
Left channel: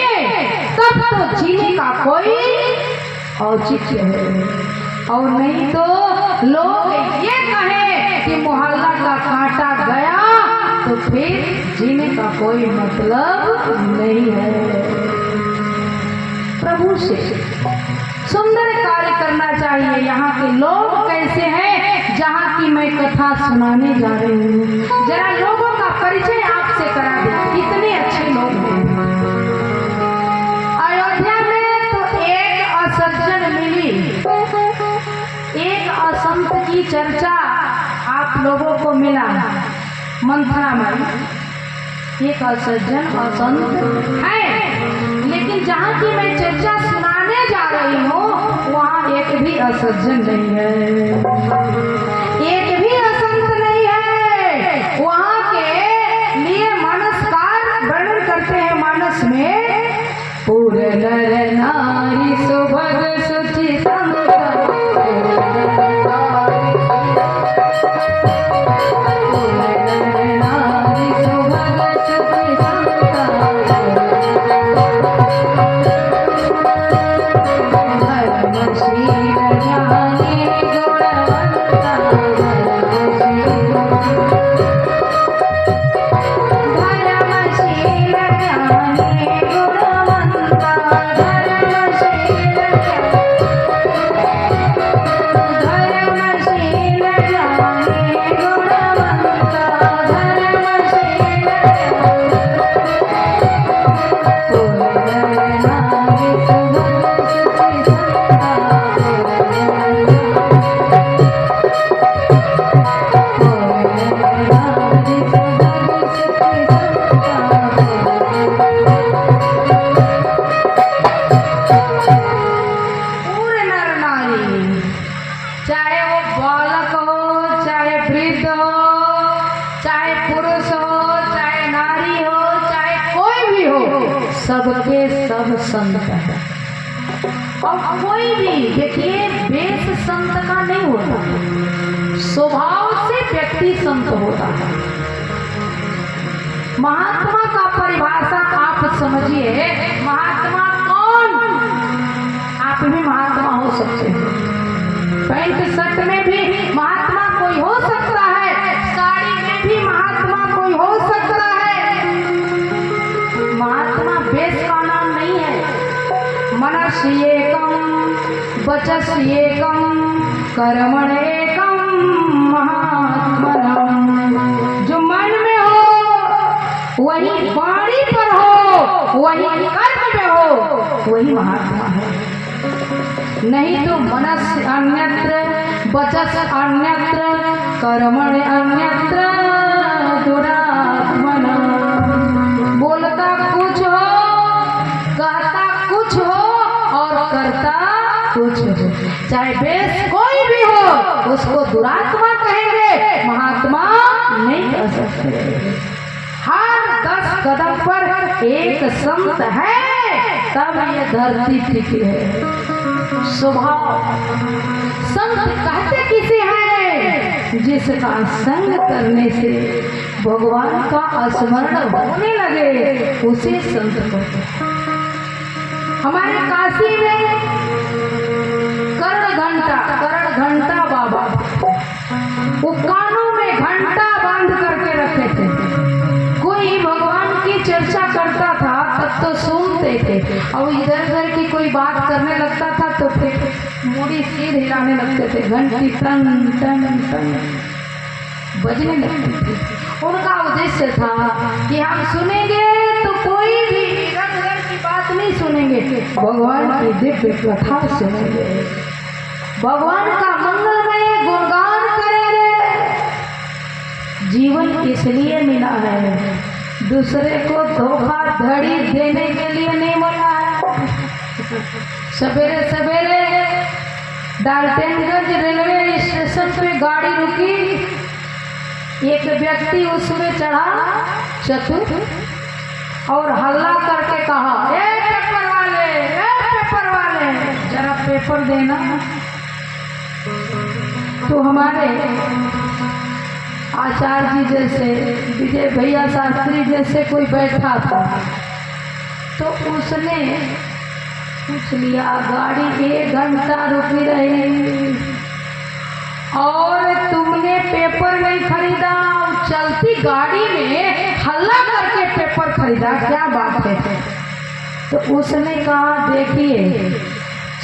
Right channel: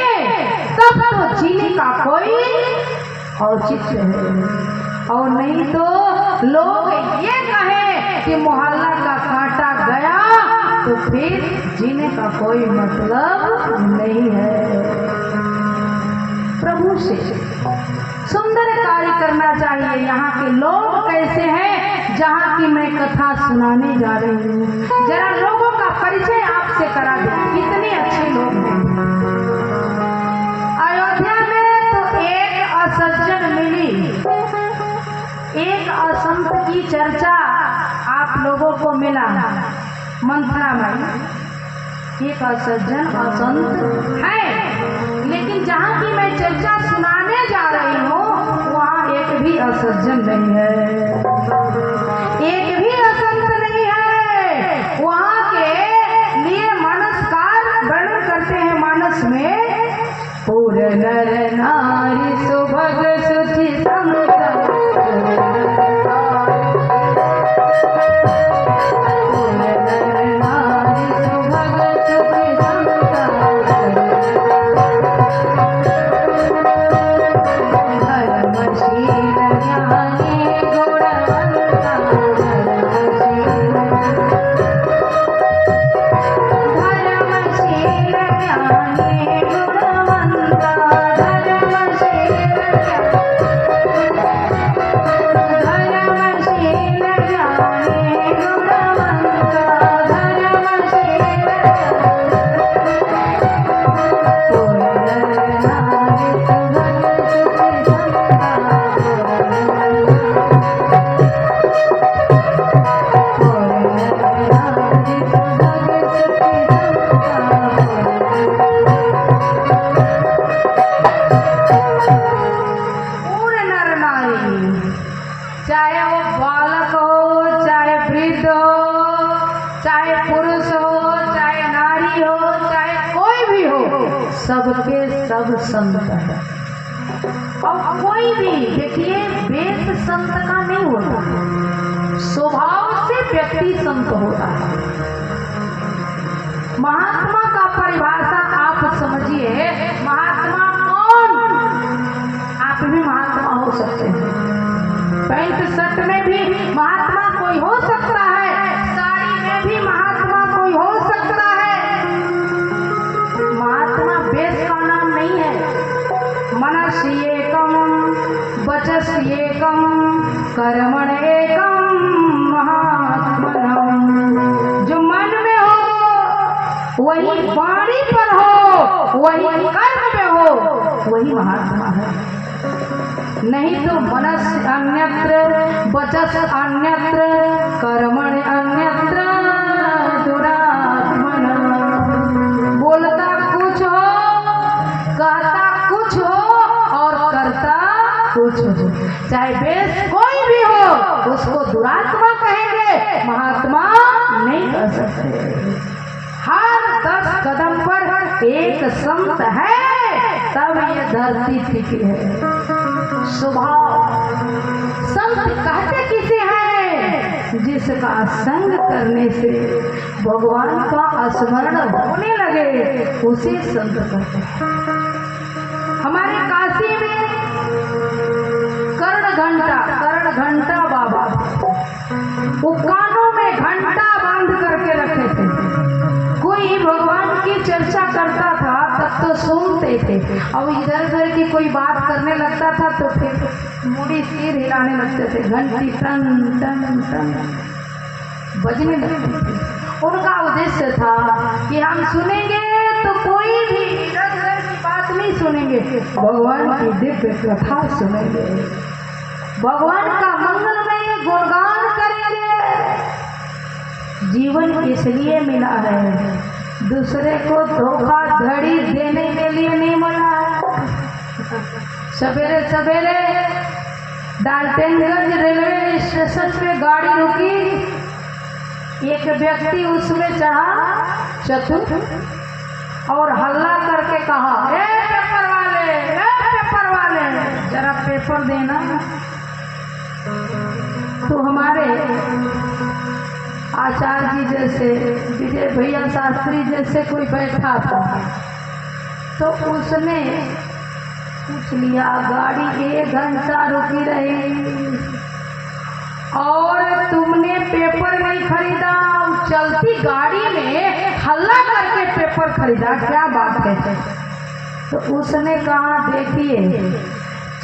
तब तो जीने का कोई औचित्य है, और नहीं तो लोग ये कहें कि मोहल्ला का कांटा गया तो फिर जीने का कोई मतलब नहीं है। प्रभु से सुंदर कार्य करना चाहिए। यहाँ के लोग कैसे हैं जहाँ की मैं कथा सुनाने जा रही हूँ, जरा लोगों का परिचय आपसे करा दें, कितने अच्छे लोग हैं। अयोध्या में तो एक असज्जन मिली, एक असंत की चर्चा आप लोगों को मिला। मंथरा में एक असज्जन असंत है, लेकिन जहाँ की मैं चर्चा सुनाने जा रही हूँ वहाँ एक भी असज्जन नहीं है, एक भी असंत नहीं है। वहाँ के लिए मानस का वर्णन करते हैं। मानस में पूरे नर नारी सुभग सुचि संत, चाहे वो बालक हो, चाहे वृद्ध हो, चाहे पुरुष हो, चाहे नारी हो, चाहे कोई भी हो, सबके सब संत है। और कोई भी देखिए वेश संत का नहीं होता, स्वभाव से व्यक्ति संत होता है। महात्मा का परिभाषा आप समझिए, महात्मा कौन? आप भी महात्मा हो सकते हैं, पैंट शर्ट में भी महात्मा कोई हो सकता है, साड़ी में भी महात्मा कोई हो सकता है। महात्मा वेश का नाम नहीं है। मनस एकम, वचस एकम, कर्मण एकम महात्मनम। जो मन में हो वही वाणी पर हो, वही कर्म में हो, वही महात्मा है। नहीं तो मनस अन्यत्र, वचस अन्यत्र, कर्मण अन्यत्र दुरात्मना। बोलता कुछ हो, कहता कुछ हो और करता कुछ हो, चाहे वेश कोई भी हो, उसको दुरात्मा कहेंगे, महात्मा नहीं कह सकते। हर 10 कदम पर एक संत है, तब ये धरती टिकी है। स्वभाव संत कहते किसे हैं? जिसका संग करने से भगवान का स्मरण होने लगे, उसे संत कहते हैं। हमारे काशी में कर्ण घंटा बाबा, वो कानों में घंटा बांध करके रखे थे। कोई भगवान की चर्चा करता था तब तो सुनते थे, और इधर उधर की कोई बात करने लगता था तो फिर मुड़ी सिर हिलाने लगते थे, घंटी टन टन टन बजने लगती थी। उनका उद्देश्य था कि हम सुनेंगे तो कोई भी इधर उधर की बात नहीं सुनेंगे, भगवान की दिव्य कथा सुनेंगे, भगवान का मंगलमय गुणगान करेंगे। जीवन इसलिए मिला है, दूसरे को धोखाधड़ी देने के लिए नहीं मिला है। सवेरे सवेरे डाल्टनगंज रेलवे स्टेशन पे गाड़ी रुकी, एक व्यक्ति उसमें चढ़ा चतुर और हल्ला करके कहा, ए पेपर वाले जरा पेपर देना। तो हमारे आचार्य जी जैसे, विजय भैया शास्त्री जैसे कोई बैठा था, तो उसने पूछ लिया गाड़ी 1 घंटा रुकी रही और तुमने पेपर नहीं खरीदा, चलती गाड़ी में हल्ला करके पेपर खरीदा, क्या बात है? तो उसने कहा देखिए,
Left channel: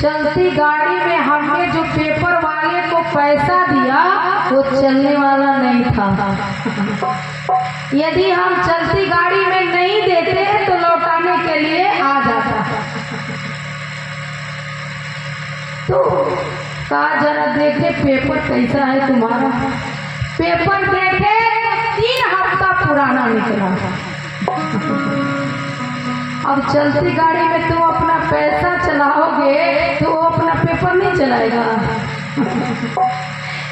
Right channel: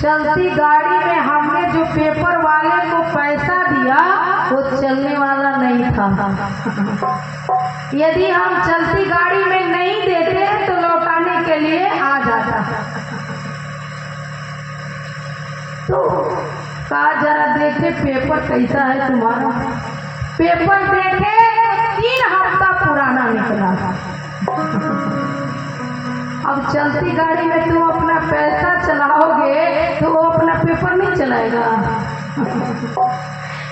चलती गाड़ी में हमने जो पेपर वाले को पैसा दिया वो चलने वाला नहीं था। यदि हम चलती गाड़ी में नहीं देते तो लौटाने के लिए आ जाता। तो कहा जरा देखे पेपर कैसा है तुम्हारा। पेपर देखे 3 हफ्ता पुराना निकला। अब चलती गाड़ी में तुम अपना पैसा चलाओगे तो वो अपना पेपर नहीं चलाएगा।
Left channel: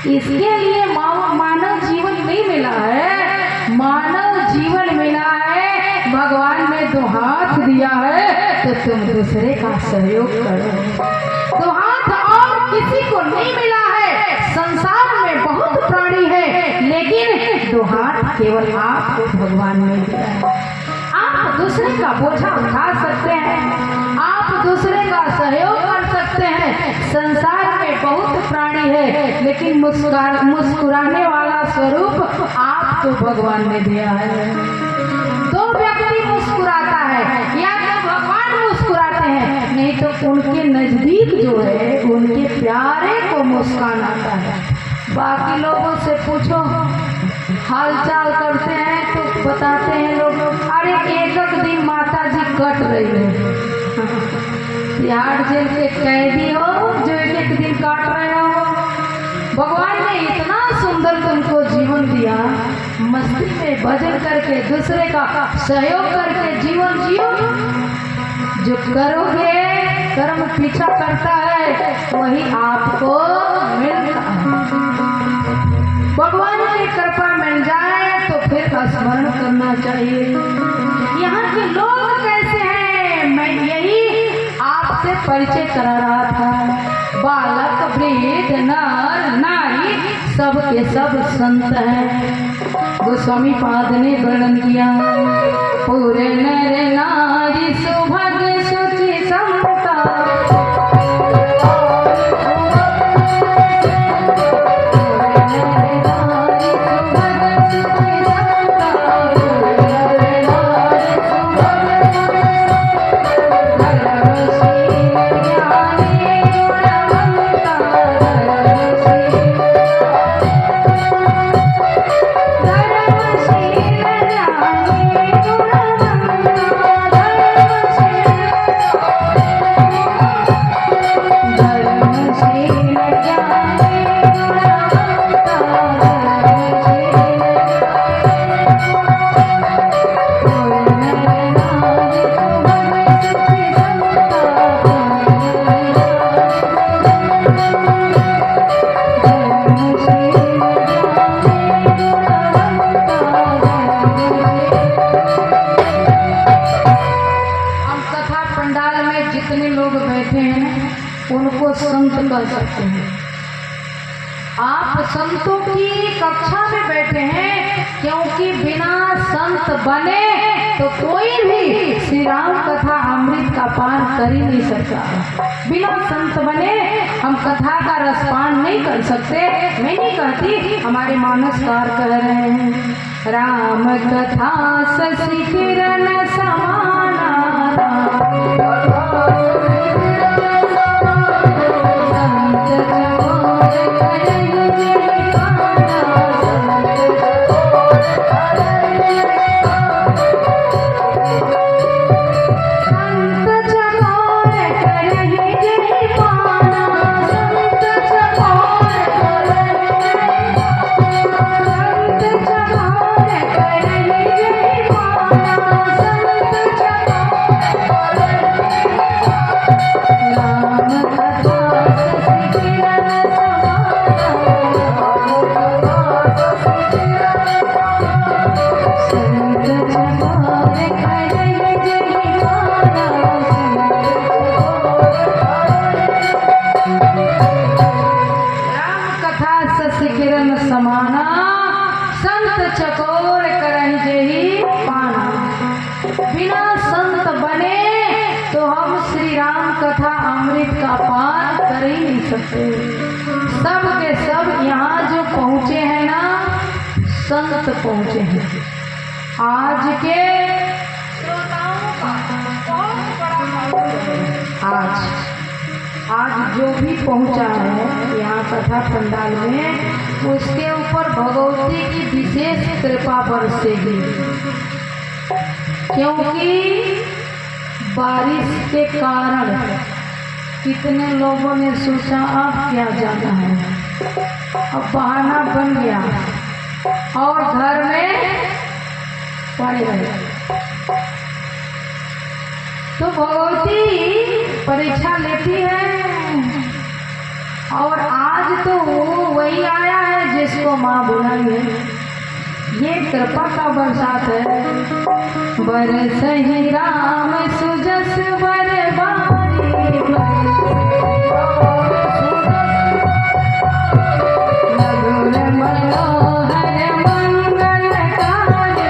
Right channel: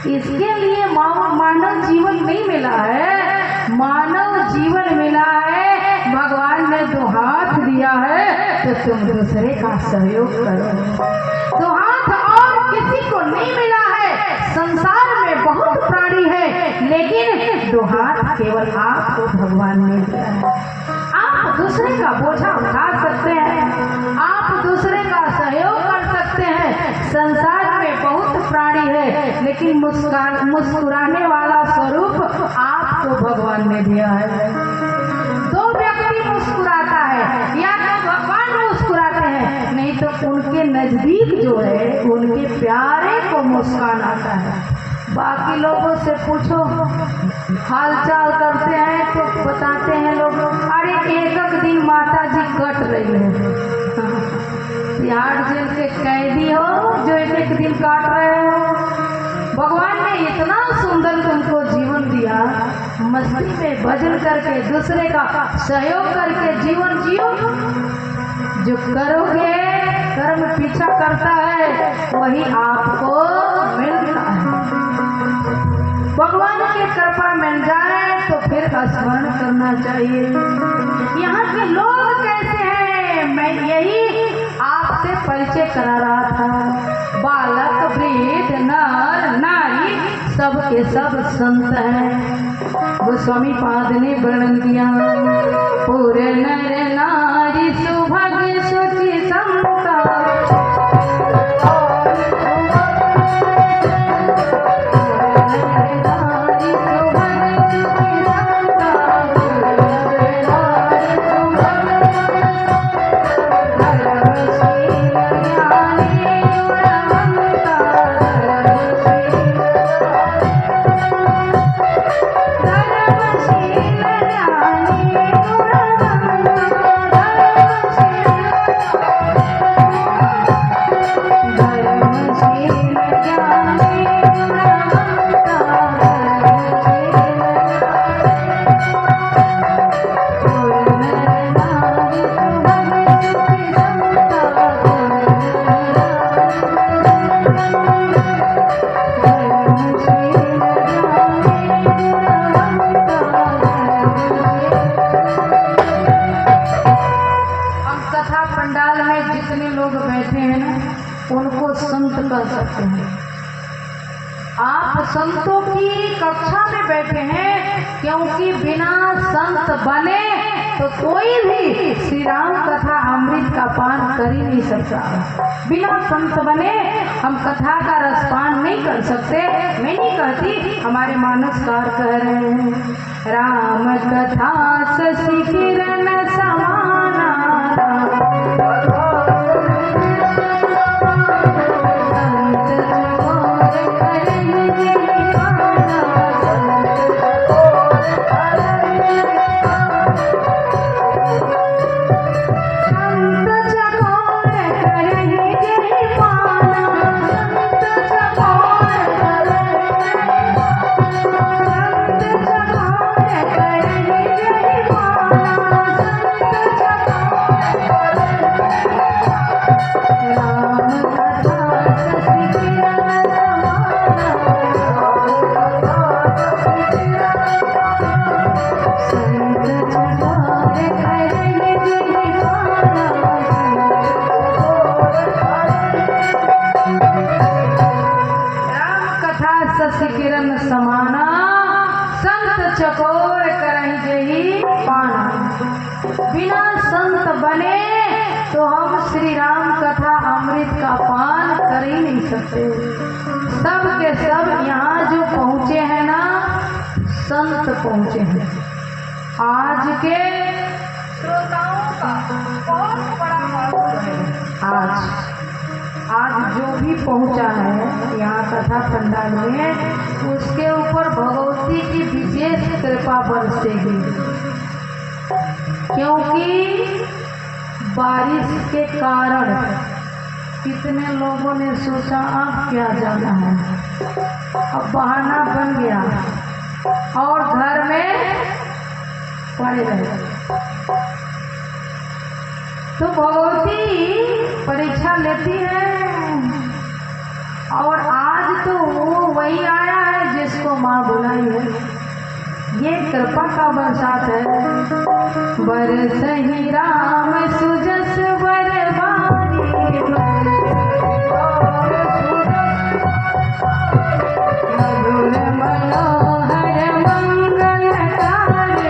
इसके लिए मानव जीवन नहीं मिला है, मानव जीवन मिला है, भगवान ने 2 हाथ दिया है तो तुम दूसरे का सहयोग करो। 2 हाथ और किसी को नहीं मिला है। संसार में बहुत प्राणी है, लेकिन 2 हाथ केवल आपको भगवान ने दिया है। आप दूसरे का बोझा उठा सकते हैं, आप दूसरे का सहयोग कर सकते हैं। संसार में बहुत प्राणी है, लेकिन मुस्कुराने वाला स्वरूप आपको भगवान ने दिया है। 2 व्यक्ति मुस्कुराता है या तो भगवान मुस्कुराते हैं, नहीं तो उनके नजदीक जो है उनके प्यारे को मुस्कान आता है। बाकी लोगों से पूछो, हाल चाल करते हैं तो बताते हैं लोग, अरे 1 दिन माता जी कट रही है। तिहाड़ जेल के कैदी हो जो 1 दिन काट रहे हो। भगवान ने इतना सुंदर तुमको जीवन दिया, मस्ती में भजन करके दूसरे का सहयोग करके जीवन जियो। जो करोगे, कर्म पीछा करता है वही आपको मिलता है। भगवान की कृपा मिल जाए तो फिर स्मरण करना चाहिए। यहाँ के लोग कैसे हैं, मैं यही आपसे परिचय करा रहा था। बालक वृद्ध नर नारी सब के सब संत हैं। गोस्वामी पाद ने वर्णन किया, पूरे नर नारी सुभग सुचि समता, उनको संत कर सकते हैं। आप संतों की कक्षा में बैठे हैं, क्योंकि बिना संत बने तो कोई भी श्री राम कथा अमृत का पान कर ही नहीं सकता। बिना संत बने हम कथा का रसपान नहीं कर सकते। मैं नहीं कहती, हमारे मानसकार कह रहे हैं, राम कथा शशि किरण समाना, चकोर करही जेहि पाना। बिना संत बने तो हम श्री राम कथा अमृत का पान कर ही नहीं सकते। सब के सब यहाँ जो पहुँचे हैं ना, संत पहुँचे हैं। आज के श्रोताओं का बहुत बड़ा महत्व है। आज जो भी पहुँचा है यहाँ कथा पंडाल में, उसके ऊपर भगवती की विशेष कृपा बरसेगी, क्योंकि बारिश के कारण कितने लोगों ने सोचा अब क्या जाना है, अब बहाना बन गया और घर में पड़े रहे। तो भगवती परीक्षा लेती है और आज तो वही आया है जिसको माँ बुलाई है। ये कृपा का बरसात है। बरसहि राम सुजस बरबारी, मधुर मनोहर मंगलकारी,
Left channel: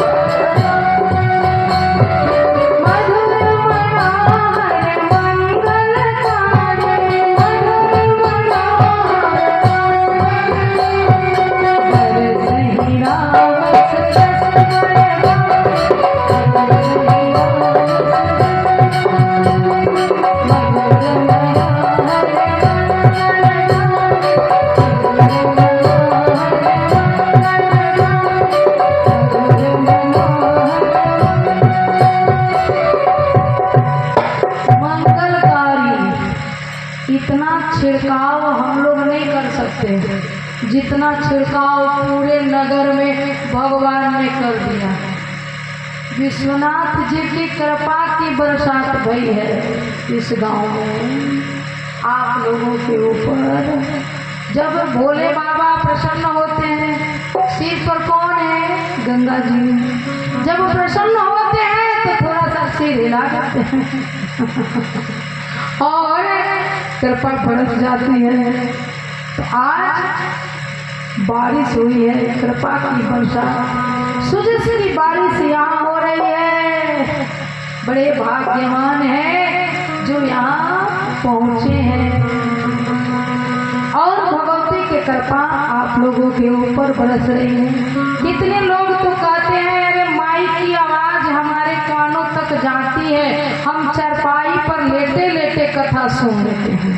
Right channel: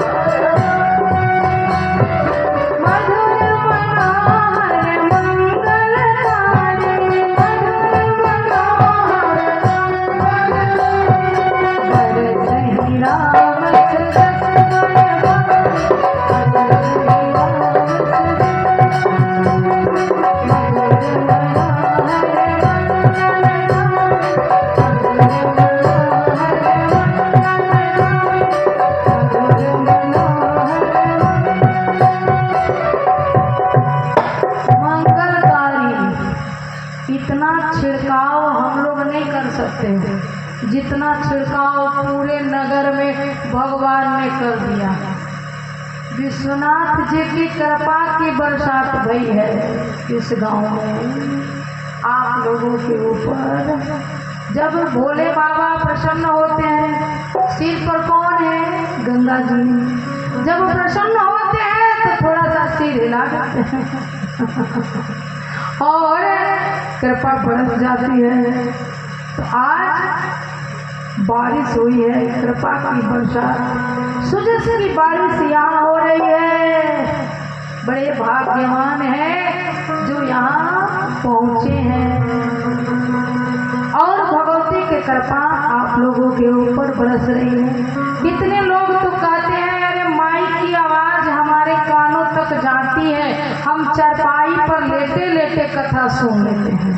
मधुर मनोहर मंगलकारी, मधुर इतना छिड़काव हम लोग नहीं कर सकते जितना छिड़काव पूरे नगर में भगवान ने कर दिया। विश्वनाथ जी की कृपा की बरसात भई है इस गांव में आप लोगों के ऊपर। जब भोले बाबा प्रसन्न होते हैं, सिर पर कौन है? गंगा जी। जब प्रसन्न होते हैं तो थोड़ा सा सिर हिला देते हैं और कृपा बरस जाती है। तो आज बारिश हुई है, कृपा की बरसात, सुजसरी बारिश यहाँ हो रही है। बड़े भाग्यवान हैं जो यहाँ पहुँचे हैं और भगवती की कृपा आप लोगों के ऊपर बरस रही है। कितने लोग तो कहते हैं अरे माई की आवाज हमारे कानों तक जाती है, हम चारपाई पर लेटे लेटे कथा सुन लेते हैं।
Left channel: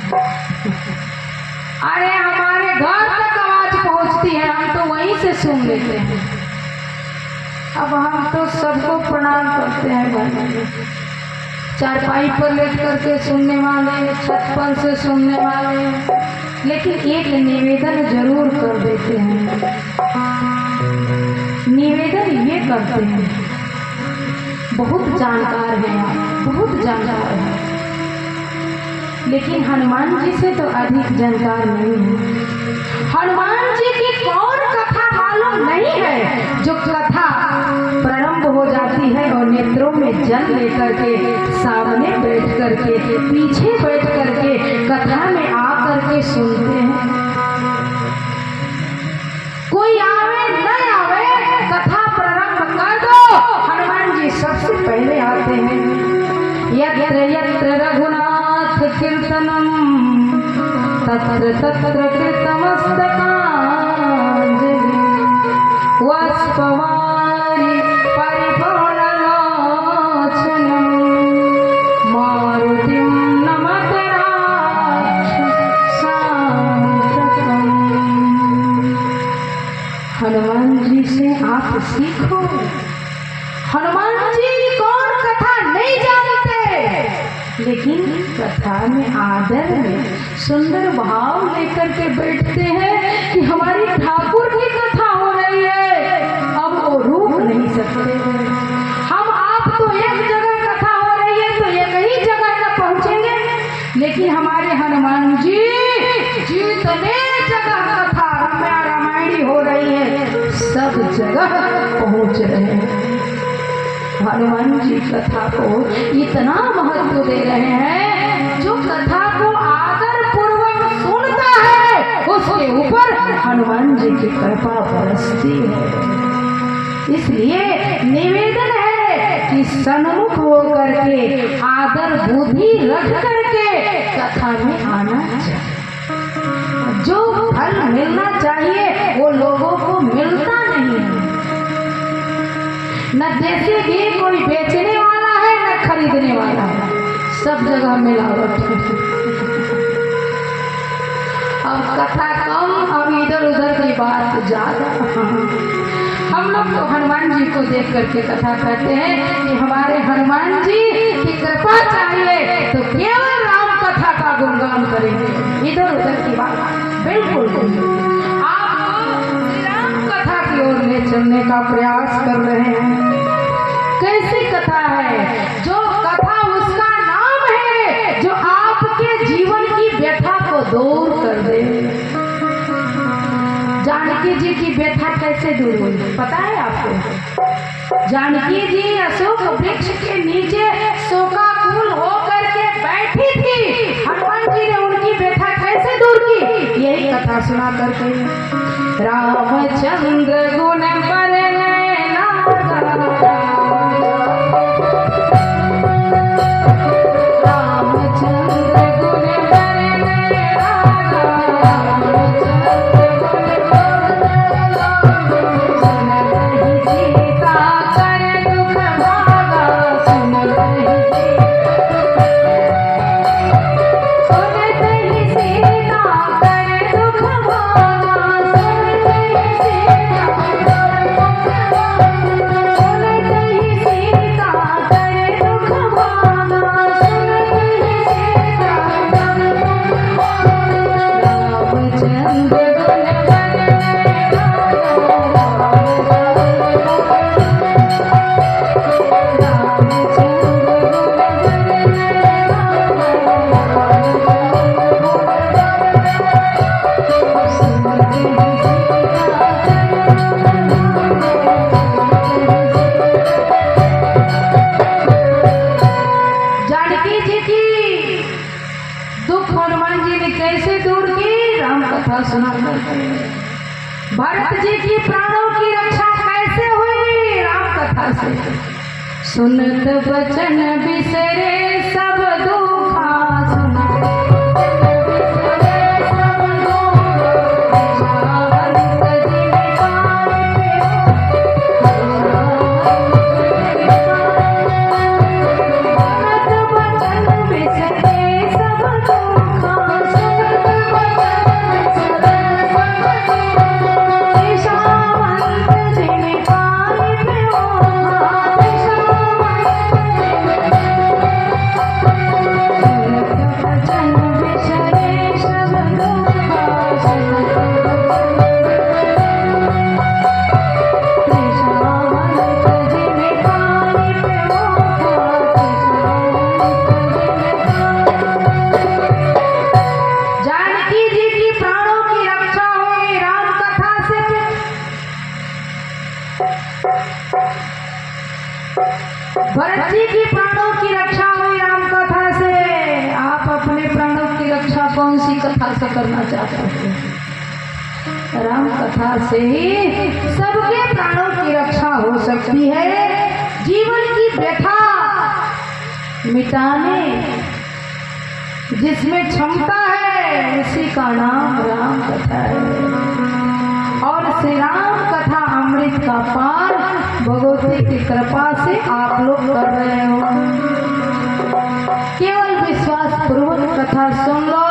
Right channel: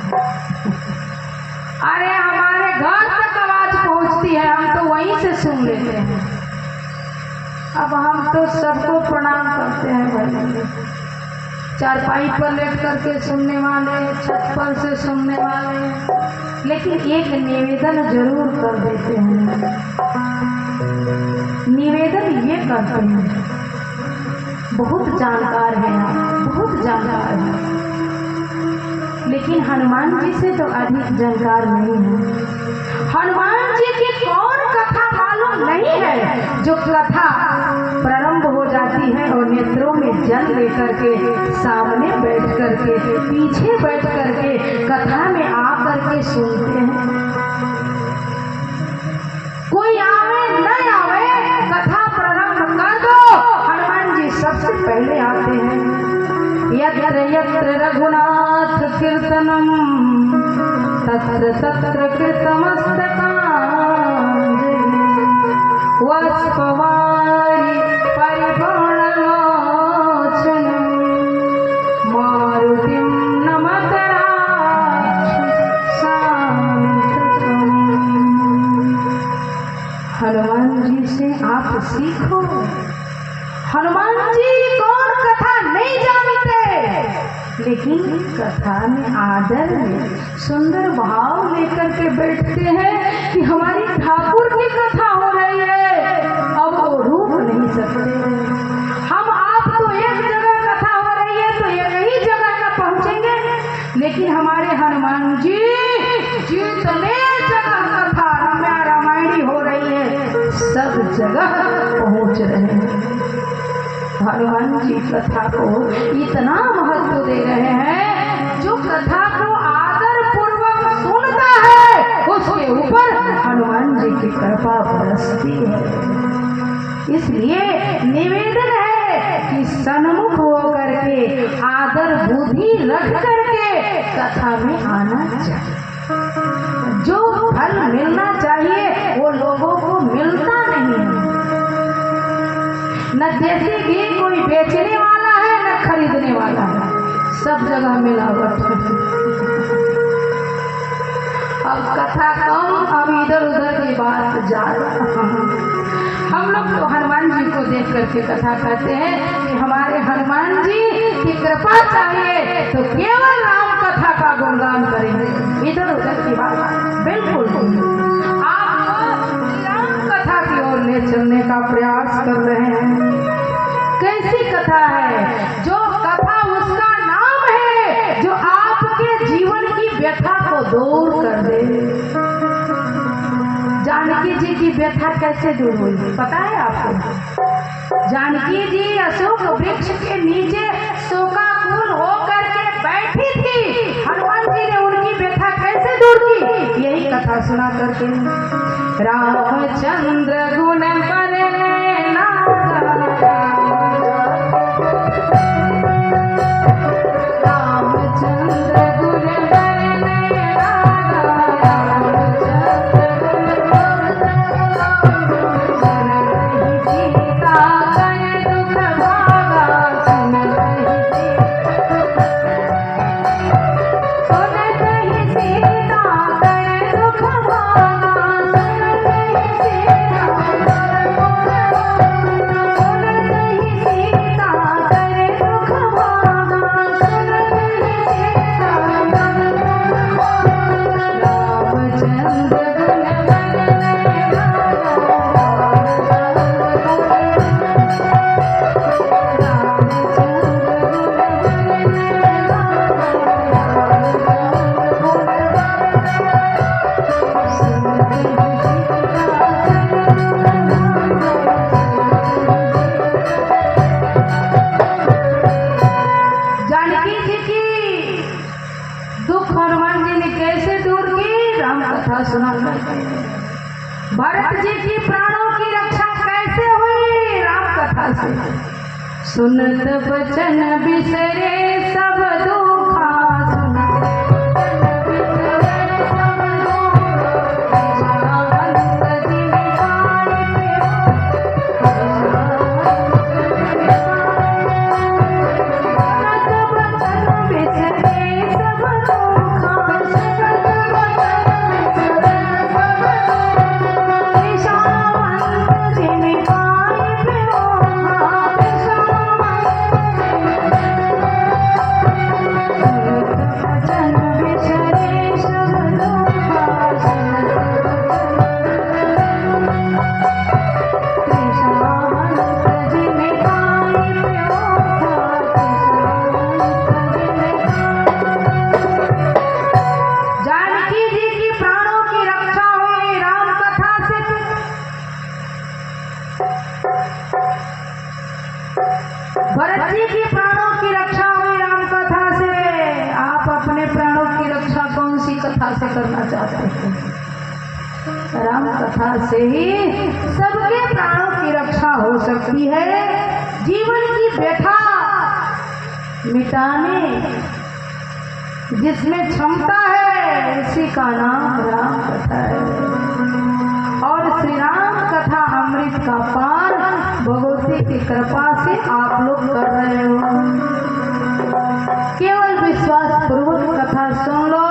अरे हमारे घर तक आवाज पहुंचती है, हम तो वहीं से सुन लेते हैं। अब हम तो सबको प्रणाम करते हैं भाई, चारपाई पर लेट करके सुनने वाले, छत पर से सुनने वाले, लेकिन एक निवेदन जरूर कर देते हैं। निवेदन ये करते हैं, बहुत जानकार है आप, बहुत जानकार है, लेकिन हनुमान जी से तो अधिक जानकार नहीं है। हनुमान जी की कौन कथा मालूम नहीं है, जो कथा प्रारंभ हो जाती है और नेत्रों में जल लेकर के सामने बैठ करके, पीछे बैठ करके कथा में आ करके सुनते हैं। कोई आवे न आवे, कथा प्रारंभ कर दो, हनुमान जी सबसे पहले आते हैं। यत्र यत्र रघुनाथ कीर्तनम तत्र तत्र कृतमस्तकांजलि, वत्सवारि परिपूर्णलोचनं मारुतिं नमत राक्षसान्तकम्। हनुमान जी से आप सीखो। हनुमान जी कौन कथा नहीं जानते, लेकिन कथा में आदर में सुंदर भाव लेकर के बैठते हैं कि हमारी ठाकुर की कथा हो रही है, अब वो रुक नहीं सकते। हम आप तो एक जगह कथा हो रही है तो एक ही जगह का पहुंचेंगे, लेकिन हमारे हनुमान जी जितने जगह कथा रामायणी हो रही है सब जगह पहुंच रहे हैं। हनुमान जी कथा को इतना महत्व दे रहे हैं, जो कथा को आदर पूर्वक सुनता है उसके ऊपर हनुमान जी की कृपा बरसती है। इसलिए निवेदन है कि सन्मुख होकर के आदर बुद्धि रख करके कथा में आना चाहिए। जो फल मिलना चाहिए वो लोगों को मिलता नहीं है। न देसी घी कोई बेचने वाला है न खरीदने वाला है, सब जगह मिलावट है। अब कथा कम, अब इधर उधर की बात ज्यादा। हम लोग तो हनुमान जी को देख करके कथा करते हैं कि हमारे हनुमान जी की कृपा चाहिए तो केवल राम कथा का गुणगान करेंगे, इधर उधर की बात बिल्कुल नहीं। आप श्री राम कथा की ओर ले चलने का प्रयास कर रहे हैं। कैसी कथा है? जो कथा उसका नाम है जो आपके जीवन की व्यथा को दूर कर दे। जानकी जी की व्यथा कैसे दूर हुई पता है आपको? जानकी जी अशोक वृक्ष के नीचे शोकाकुल होकर के बैठी थी। हनुमान जी ने उनकी व्यथा कैसे दूर की, यही कथा सुना करके। रामचंद्र गुण करे भरत जी की प्राणों की रक्षा कैसे हुई? राम कथा से। सुनत वचन बिसरे सब दुखा, भरत जी की प्राणों की रक्षा हुई राम कथा से। आप अपने प्राणों की रक्षा कौन सी कथा से करना चाहते हैं? राम कथा से ही सबके प्राणों की रक्षा हो सकती है। जीवन की व्यथा मिटाने जिसमें क्षमता है उसी का नाम राम कथा है। और श्री राम कथा अमृत का पान भगवती की कृपा से आप लोग कर रहे हो। केवल विश्वास पूर्वक कथा सुन लो,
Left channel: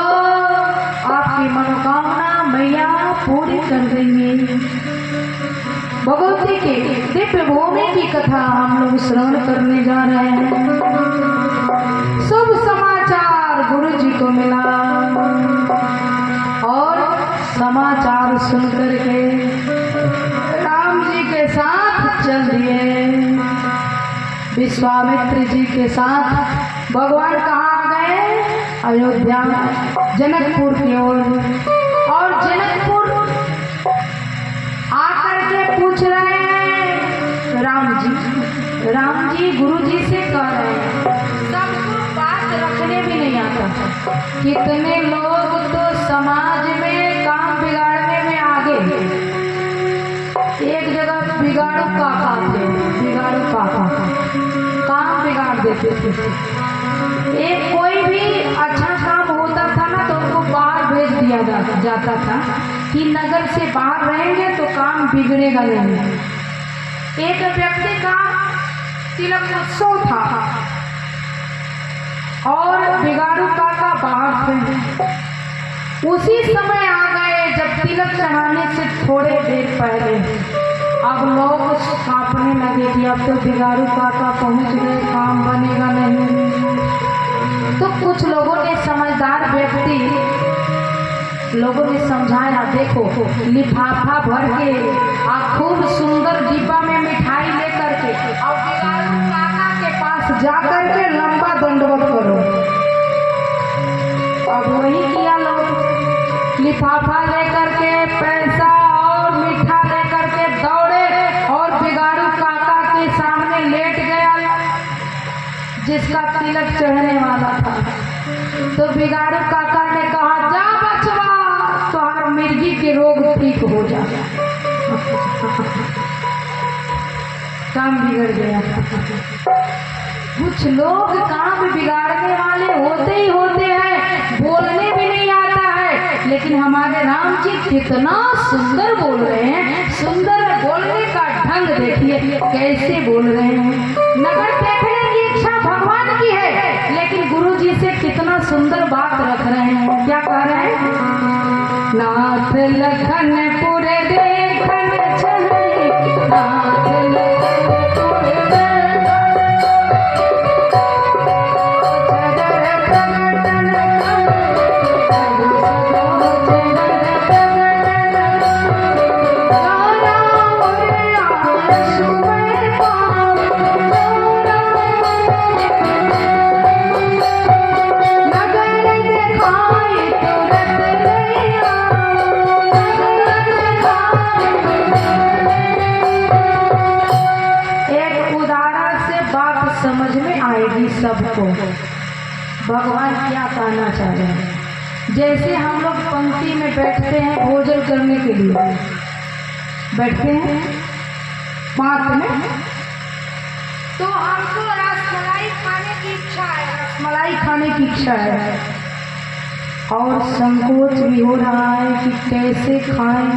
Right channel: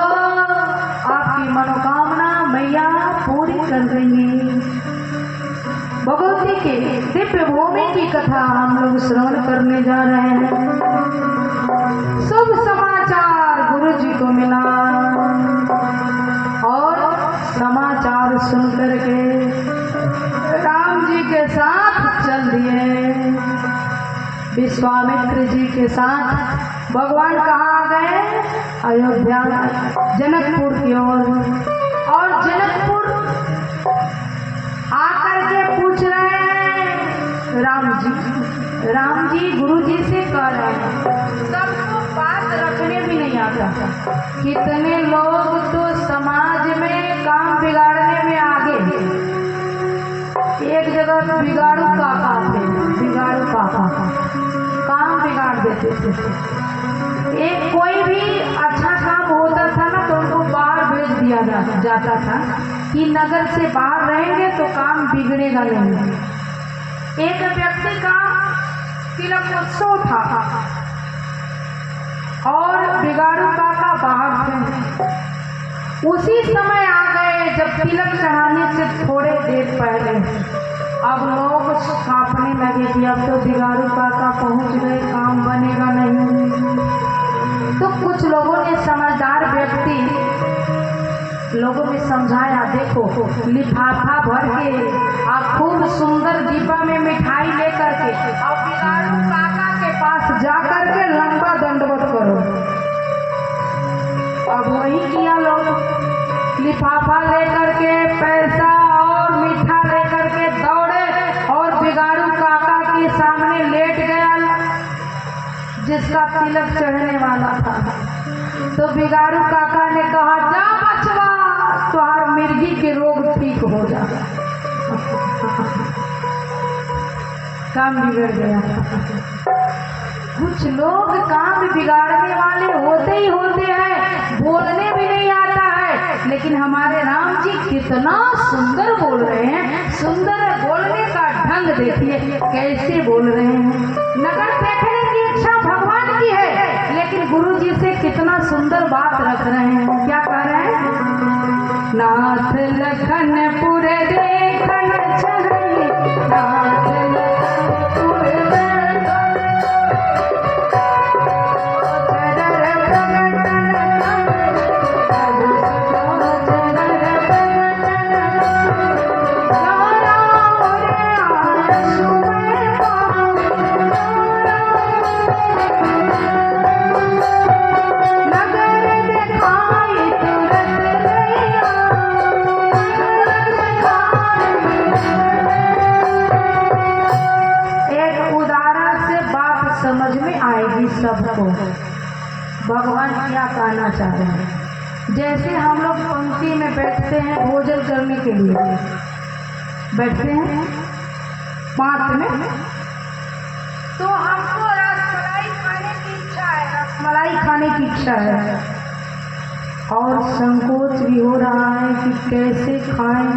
आपकी मनोकामना मैया पूरी कर देंगे। भगवती के दिव्य भूमि की कथा हम लोग श्रवण करने जा रहे हैं। शुभ समाचार गुरु जी को मिला और समाचार सुन करके राम जी के साथ चल दिए। विश्वामित्र जी के साथ भगवान कहाँ गए? अयोध्या जनकपुर की ओर। और जनकपुर आकर के पूछ रहे हैं राम जी गुरु जी से कह रहे हैं। सबको बात रखने भी नहीं आता। कितने लोग तो समाज में काम बिगाड़ने में आगे, देते थे। एक कोई भी अच्छा काम होता था ना तो उनको बाहर भेज दिया जाता था कि नगर से बाहर रहेंगे तो काम बिगड़ेगा नहीं। एक व्यक्ति का तिलक उत्सव था और बिगाड़ू काका बाहर थे। उसी समय आ गए जब तिलक चढ़ाने से थोड़े देर पहले। अब लोग कांपने लगे कि अब तो बिगाड़ू काका पहुंच गए, काम बनेगा नहीं। तो कुछ लोगों ने, समझदार व्यक्ति लोगों ने समझाया, देखो लिफाफा भर के खूब सुंदर डिब्बा में मिठाई लेकर के और बिगाड़ू काका के पास जाकर के लंबा दंडवत करो। अब वही किया लोग, लिफाफा लेकर के पैसा और मीठा लेकर के दौड़े और बिगाड़ू काका के सामने लेट गया जिसका तिलक चढ़ने वाला था। तो बिगाड़ू काका ने कहा, जा बचवा, तुम्हार मिर्गी के रोग ठीक हो जा। काम बिगड़ गया। कुछ लोग काम बिगाड़ने वाले होते ही होते हैं, बोलने भी नहीं आता है, लेकिन हमारे राम जी कितना सुंदर बोल रहे हैं। सुंदर बोलने का ढंग देखिए कैसे बोल रहे हैं। नगर देखने की इच्छा भगवान की है, लेकिन गुरु जी से कितना सुंदर बात रख रहे हैं। क्या कह रहे हैं? नाथ लखन पुरे देखन चले, नाथ लखन पुरे सबको भगवान क्या कहना चाह रहे हैं। जैसे हम लोग पंक्ति में बैठते हैं भोजन करने के लिए, बैठते हैं पात में, तो हमको रसमलाई खाने की इच्छा है, रसमलाई खाने की इच्छा है और संकोच भी हो रहा है कि कैसे खाएं,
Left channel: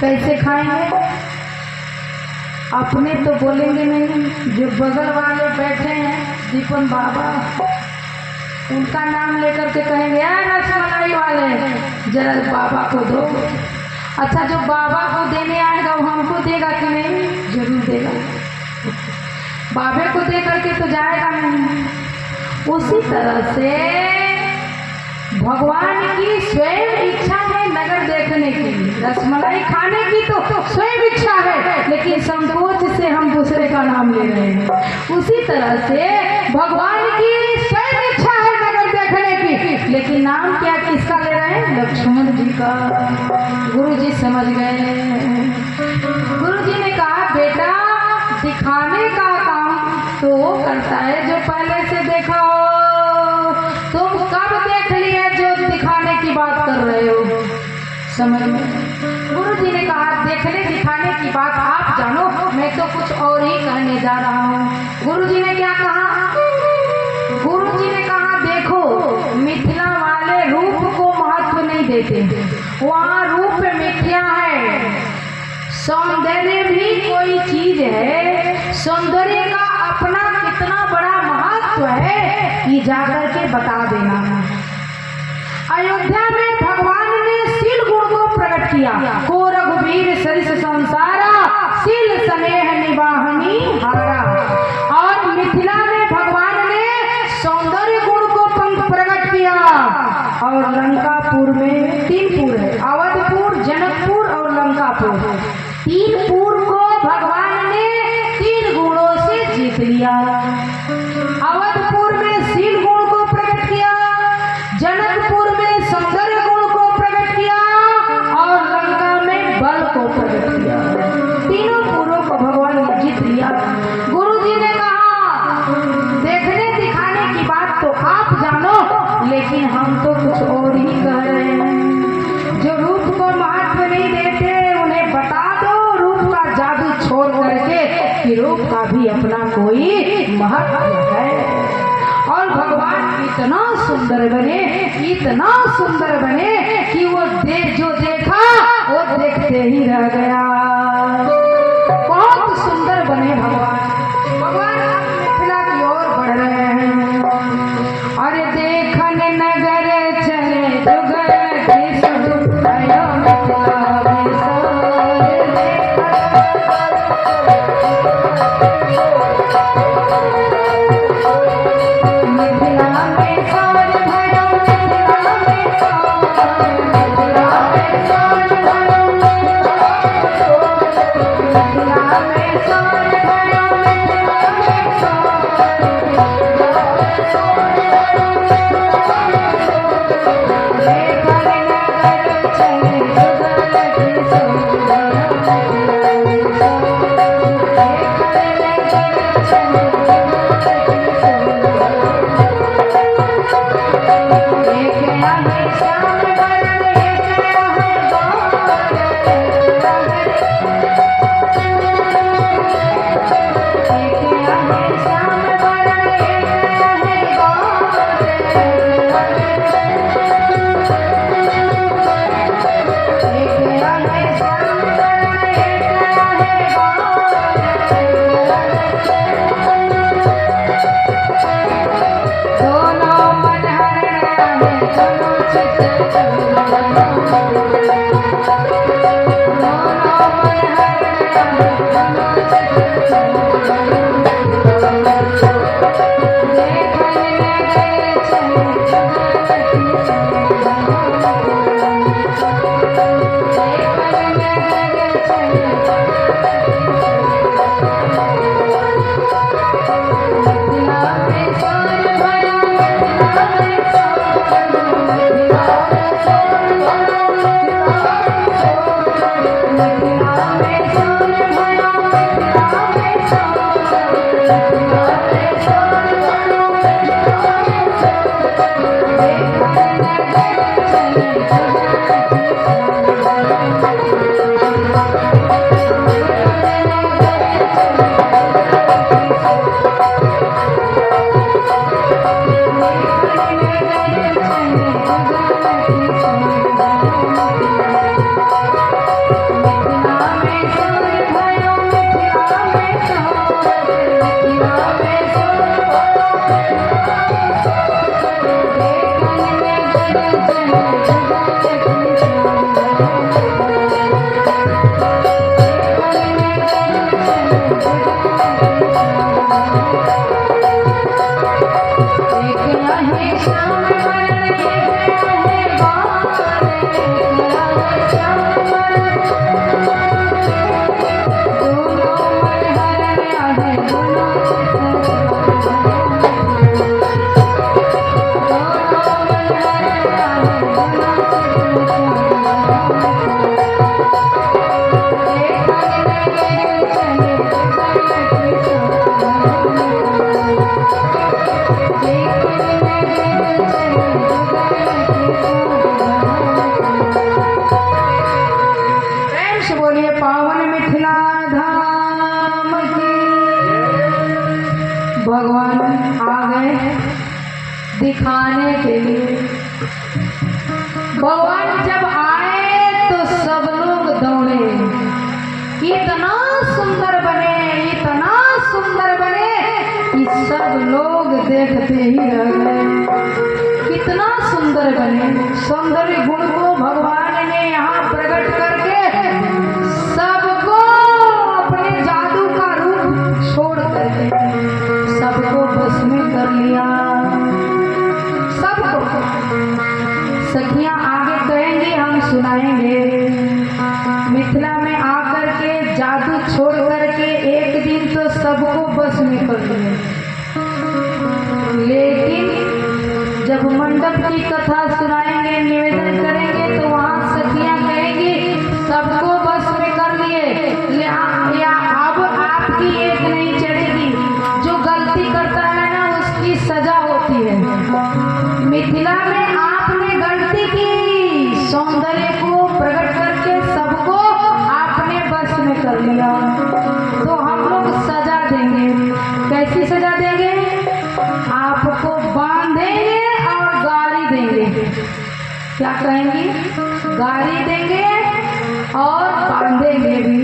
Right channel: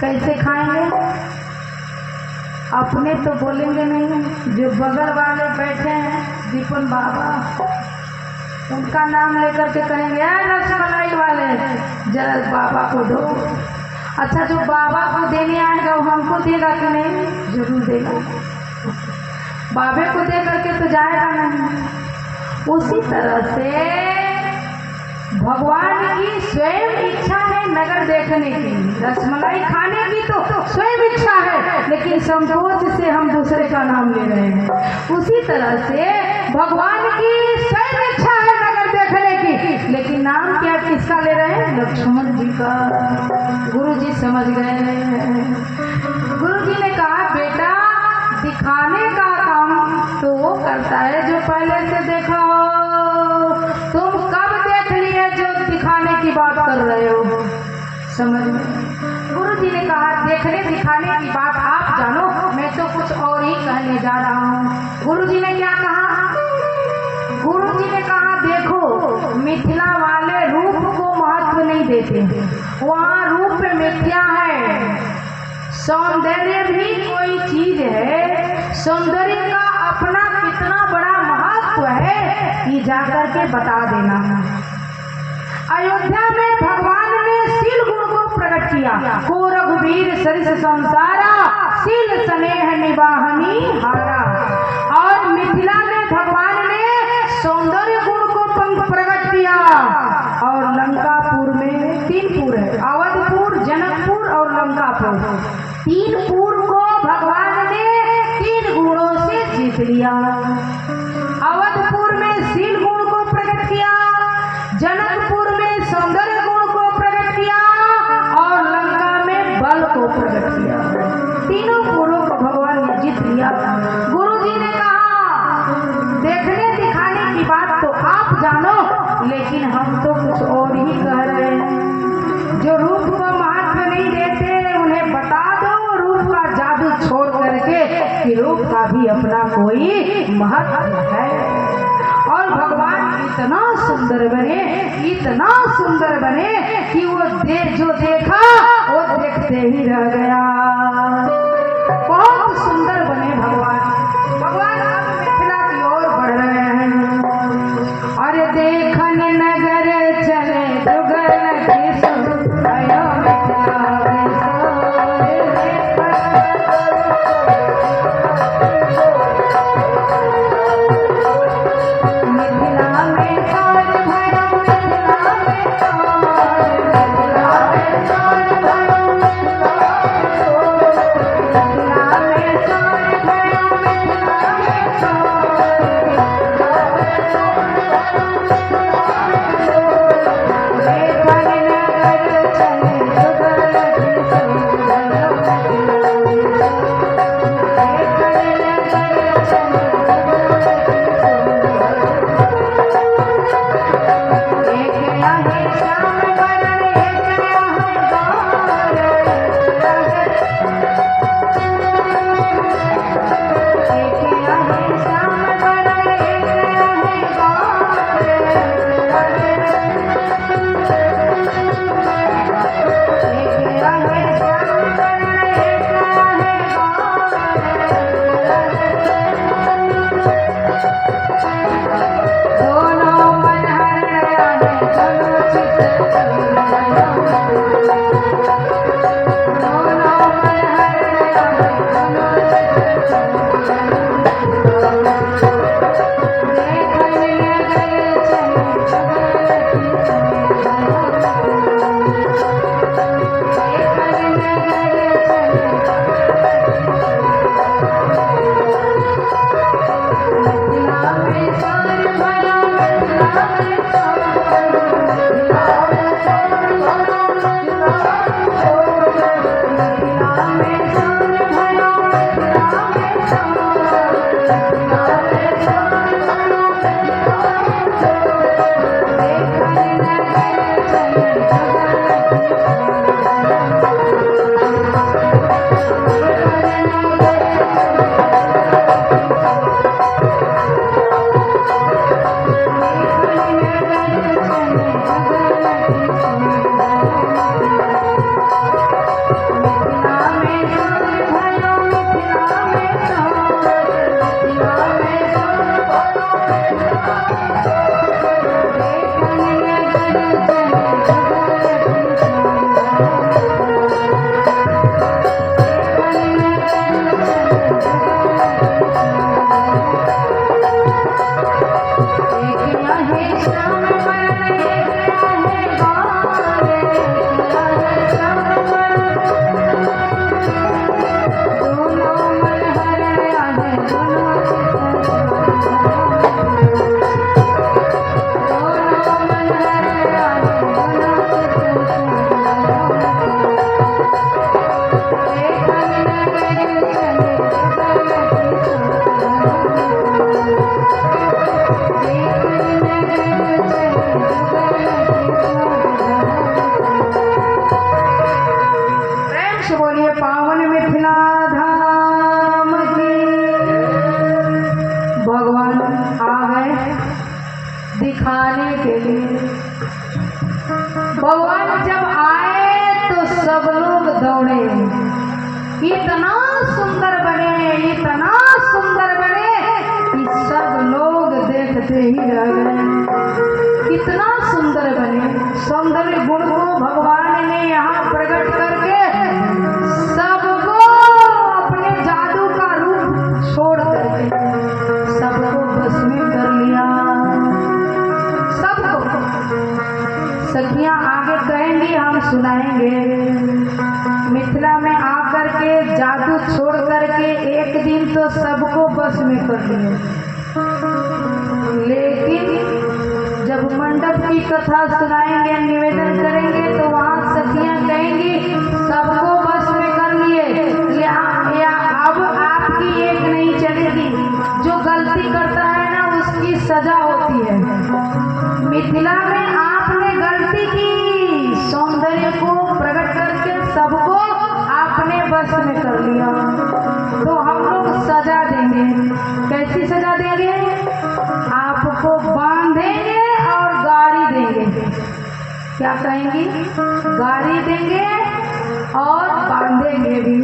कैसे खाएंगे। अपने तो बोलेंगे नहीं, जो बगल वाले बैठे हैं दीपन बाबा, उनका नाम लेकर के कहेंगे, रसमलाई वाले जरा बाबा को दो। अच्छा, जो बाबा को देने आएगा वो हमको देगा कि नहीं? जरूर देगा। बाबे को दे करके तो जाएगा नहीं। उसी तरह से भगवान की स्वयं इच्छा है नगर देखने की, रसमलाई खाने की तो स्वयं इच्छा है, लेकिन संकोच से हम दूसरे का नाम ले रहे हैं। उसी तरह से भगवान की स्वयं इच्छा है नगर देखने की, लेकिन नाम क्या किसका ले रहे हैं? लक्ष्मण जी का। गुरु जी समझ गए। गुरु जी ने कहा, बेटा दिखाने का काम तो वो करता है जो पहले से देखा हो। तुम कब देख लिए जो दिखाने की बात कर रहे हो? समझ में? गुरु जी ने कहा, देखने दिखाने की बात आप जानो, मैं तो कुछ और ही कहने जा रहा हूँ। गुरु जी ने क्या कहा? गुरु जी ने कहा, देखो मिथिला वाले रूप को महत्व नहीं देते, वहाँ रूप मिथ्या है। सौंदर्य भी कोई चीज है, सौंदर्य का अपना कितना बड़ा महत्व है कि जाकर के बता देना। अयोध्या में भगवान ने शील गुण को प्रकट किया। को रघुवीर सरिस संसारा, शील स्नेह निवाहनी हारा। और मिथिला में भगवान ने सौंदर्य गुण को प्रकट किया। और लंकापुर में 3 पुर है, अवधपुर, जनकपुर और लंकापुर। 3 पुर को भगवान ने 3 गुणों से जीत लिया। अवधपुर में शील गुण को प्रकट किया, जनकपुर में सौंदर्य गुण को प्रकट किया और लंका में बल को प्रकट किया। 3 पुरों को भगवान ने जीत लिया। गुरु जी ने कहा, देखने दिखाने की बात तो आप जानो, लेकिन हम तो कुछ और ही कह रहे हैं। जो रूप को महत्व नहीं देते उन्हें बता दो रूप का जादू छोड़ करके कि रूप का भी अपना कोई महत्व है। और भगवान इतना सुंदर बने, इतना सुंदर बने कि वो जो देखा वो देखते ही रह गया। बहुत सुंदर बने भगवान। भगवान आप मिथिला की ओर बढ़ रहे हैं। अरे देखन नगर चले जुगल के सब आयो मिथिला में सोरे मिथिला में सोर भरो मिथिला में सोर मिथिला में सोर भरो मिथिला में सोर भरो मिथिला में दिखाने के लिए। भगवान जब आए तो सब लोग दौड़े। इतना सुंदर बने, इतना सुंदर बने कि सब लोग देखते ही रह गए। कितना सुंदर बने। सौंदर्य गुण को भगवान ने यहाँ प्रकट करके सबको अपने जादू का रूप छोड़ करके सबको बस में कर लिया। सबको सखियां आगे कहेंगी, हम सुनाएंगे। मिथिला में आकर के जादू छोड़ करके एक दिन तो सबको बस में कर लिया, लेकिन जब मंडप की कथा सुनाएंगे, निवेदन करेंगे तो वहाँ सखियां कहेंगी सबको बस में कर लिए, या अब आपकी एक नहीं चलेगी। जो गलती करता है ना उसकी सजा होती है। मिथिला में आपने गलती की, सौंदर्य को प्रकट करके सबको आपने बस में कर लिया, तो हम लोग सजा देंगे। क्या कहेंगी? गाड़ी देंगे और बांधेंगे भी।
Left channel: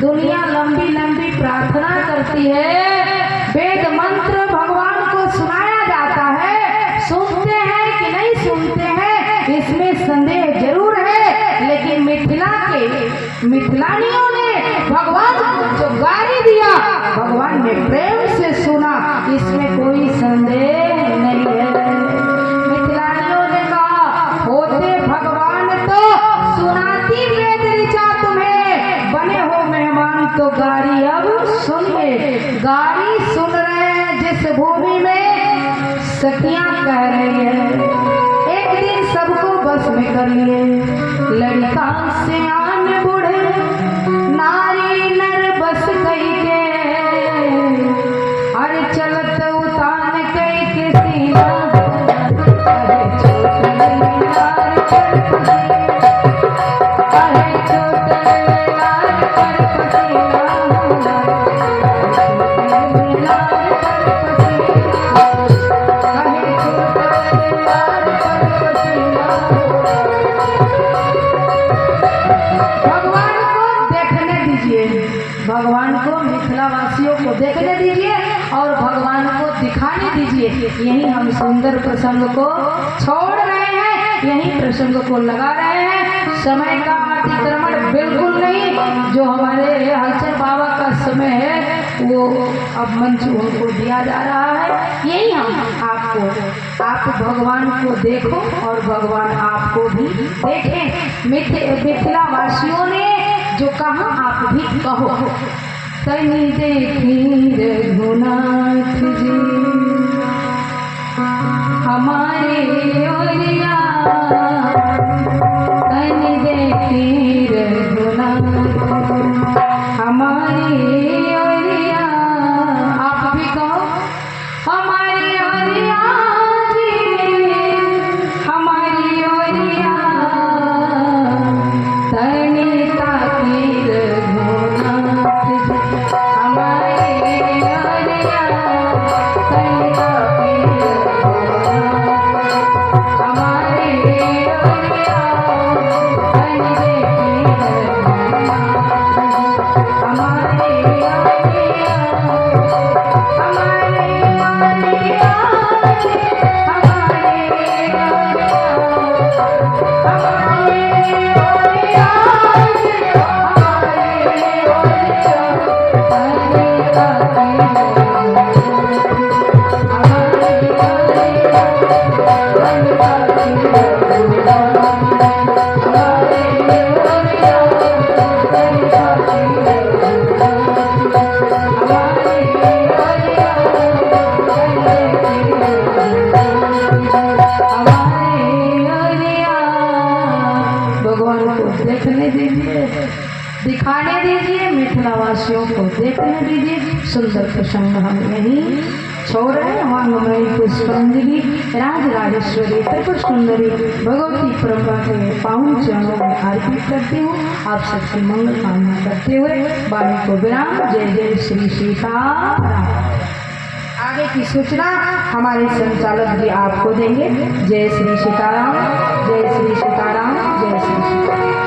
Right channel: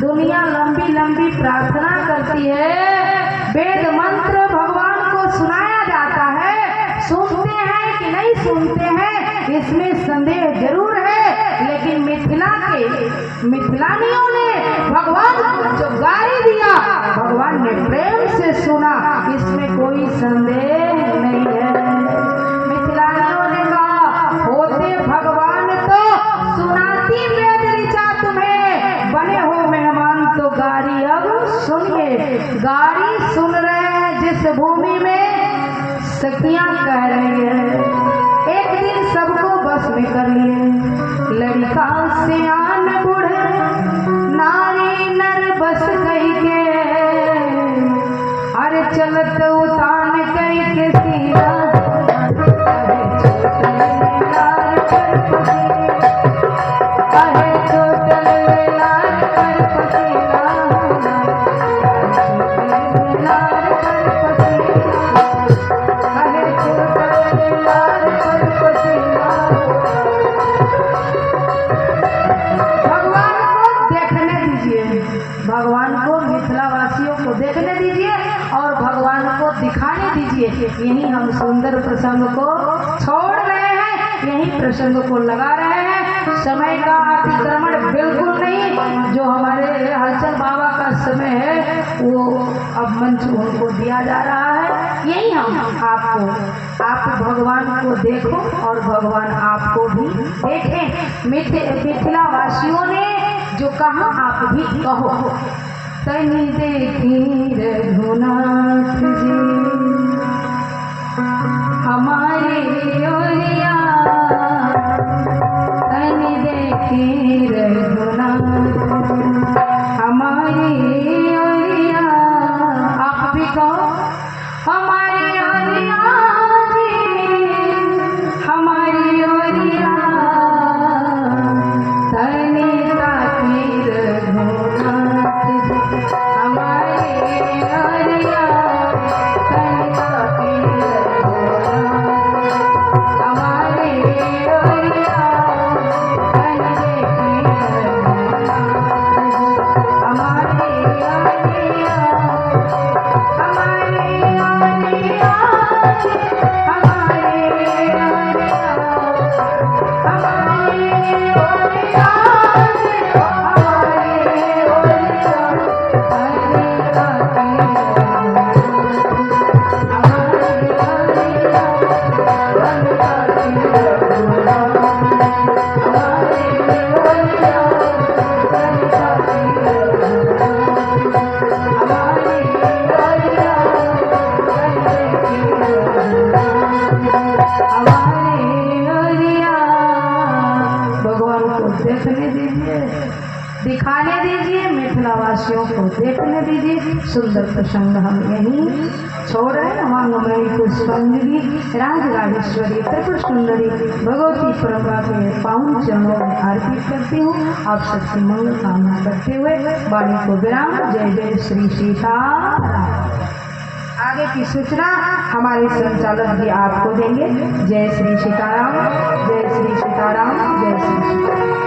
दुनिया लंबी लंबी प्रार्थना करती है, वेद मंत्र भगवान को सुनाया जाता है, सुनते हैं कि नहीं सुनते हैं इसमें संदेह जरूर है, लेकिन मिथिलानियों ने भगवान को जो गाड़ी दिया भगवान ने प्रेम से सुना, इसमें कोई संदेह नहीं है। मिथिलानियों ने कहा होते भगवान तो सुनाती वेद ऋचा तुम्हें, बने हो मेहमान तो गाड़ी अब सुनिए। गाड़ी सुन रहे हैं जिस भूमि में सखियां कह रही है, एक दिन सबको बस में कर लिए, लड़का से आन बूढ़े नारी नर बस कही के, अरे चलत उतान कही के सीना, भगवान को मिथिलावासियों को देखने दीजिए और भगवान को दिखाने दीजिए। यही हम सुंदर प्रसंग को छोड़ रहे हैं, यही प्रसंग को लगा रहे हैं। समय का अतिक्रमण बिल्कुल नहीं, जो हमारे हलचल बाबा का समय है वो अब मंच को दिया जा रहा है। यही हम आप भगवान को देखो और भगवान आपको भी देखें। मिथिलावासियों ने जो कहा आप भी कहो। तनि देखी रघुनाथ जी हमारे ओरिया, तनि देखी रघुनाथ हमारे ओरिया, आप भी कहो हमारे ओरिया जी, हमारी ओरिया तनि दिखाने दीजिए, मिथिलावासियों को देखने दीजिए। सुंदर प्रसंग हम यहीं छोड़ रहे हैं। वांगमयी पुष्पांजलि राज राजेश्वरी त्रिपुर सुंदरी भगवती परंपरा के पावन चरणों में अर्पित करती हूँ। आप सबकी मंगल कामना करते हुए वाणी को विराम। जय जय श्री सीताराम। आगे की सूचना हमारे संचालक जी आपको देंगे। जय श्री सीताराम, जय श्री सीताराम, जय श्री सीताराम।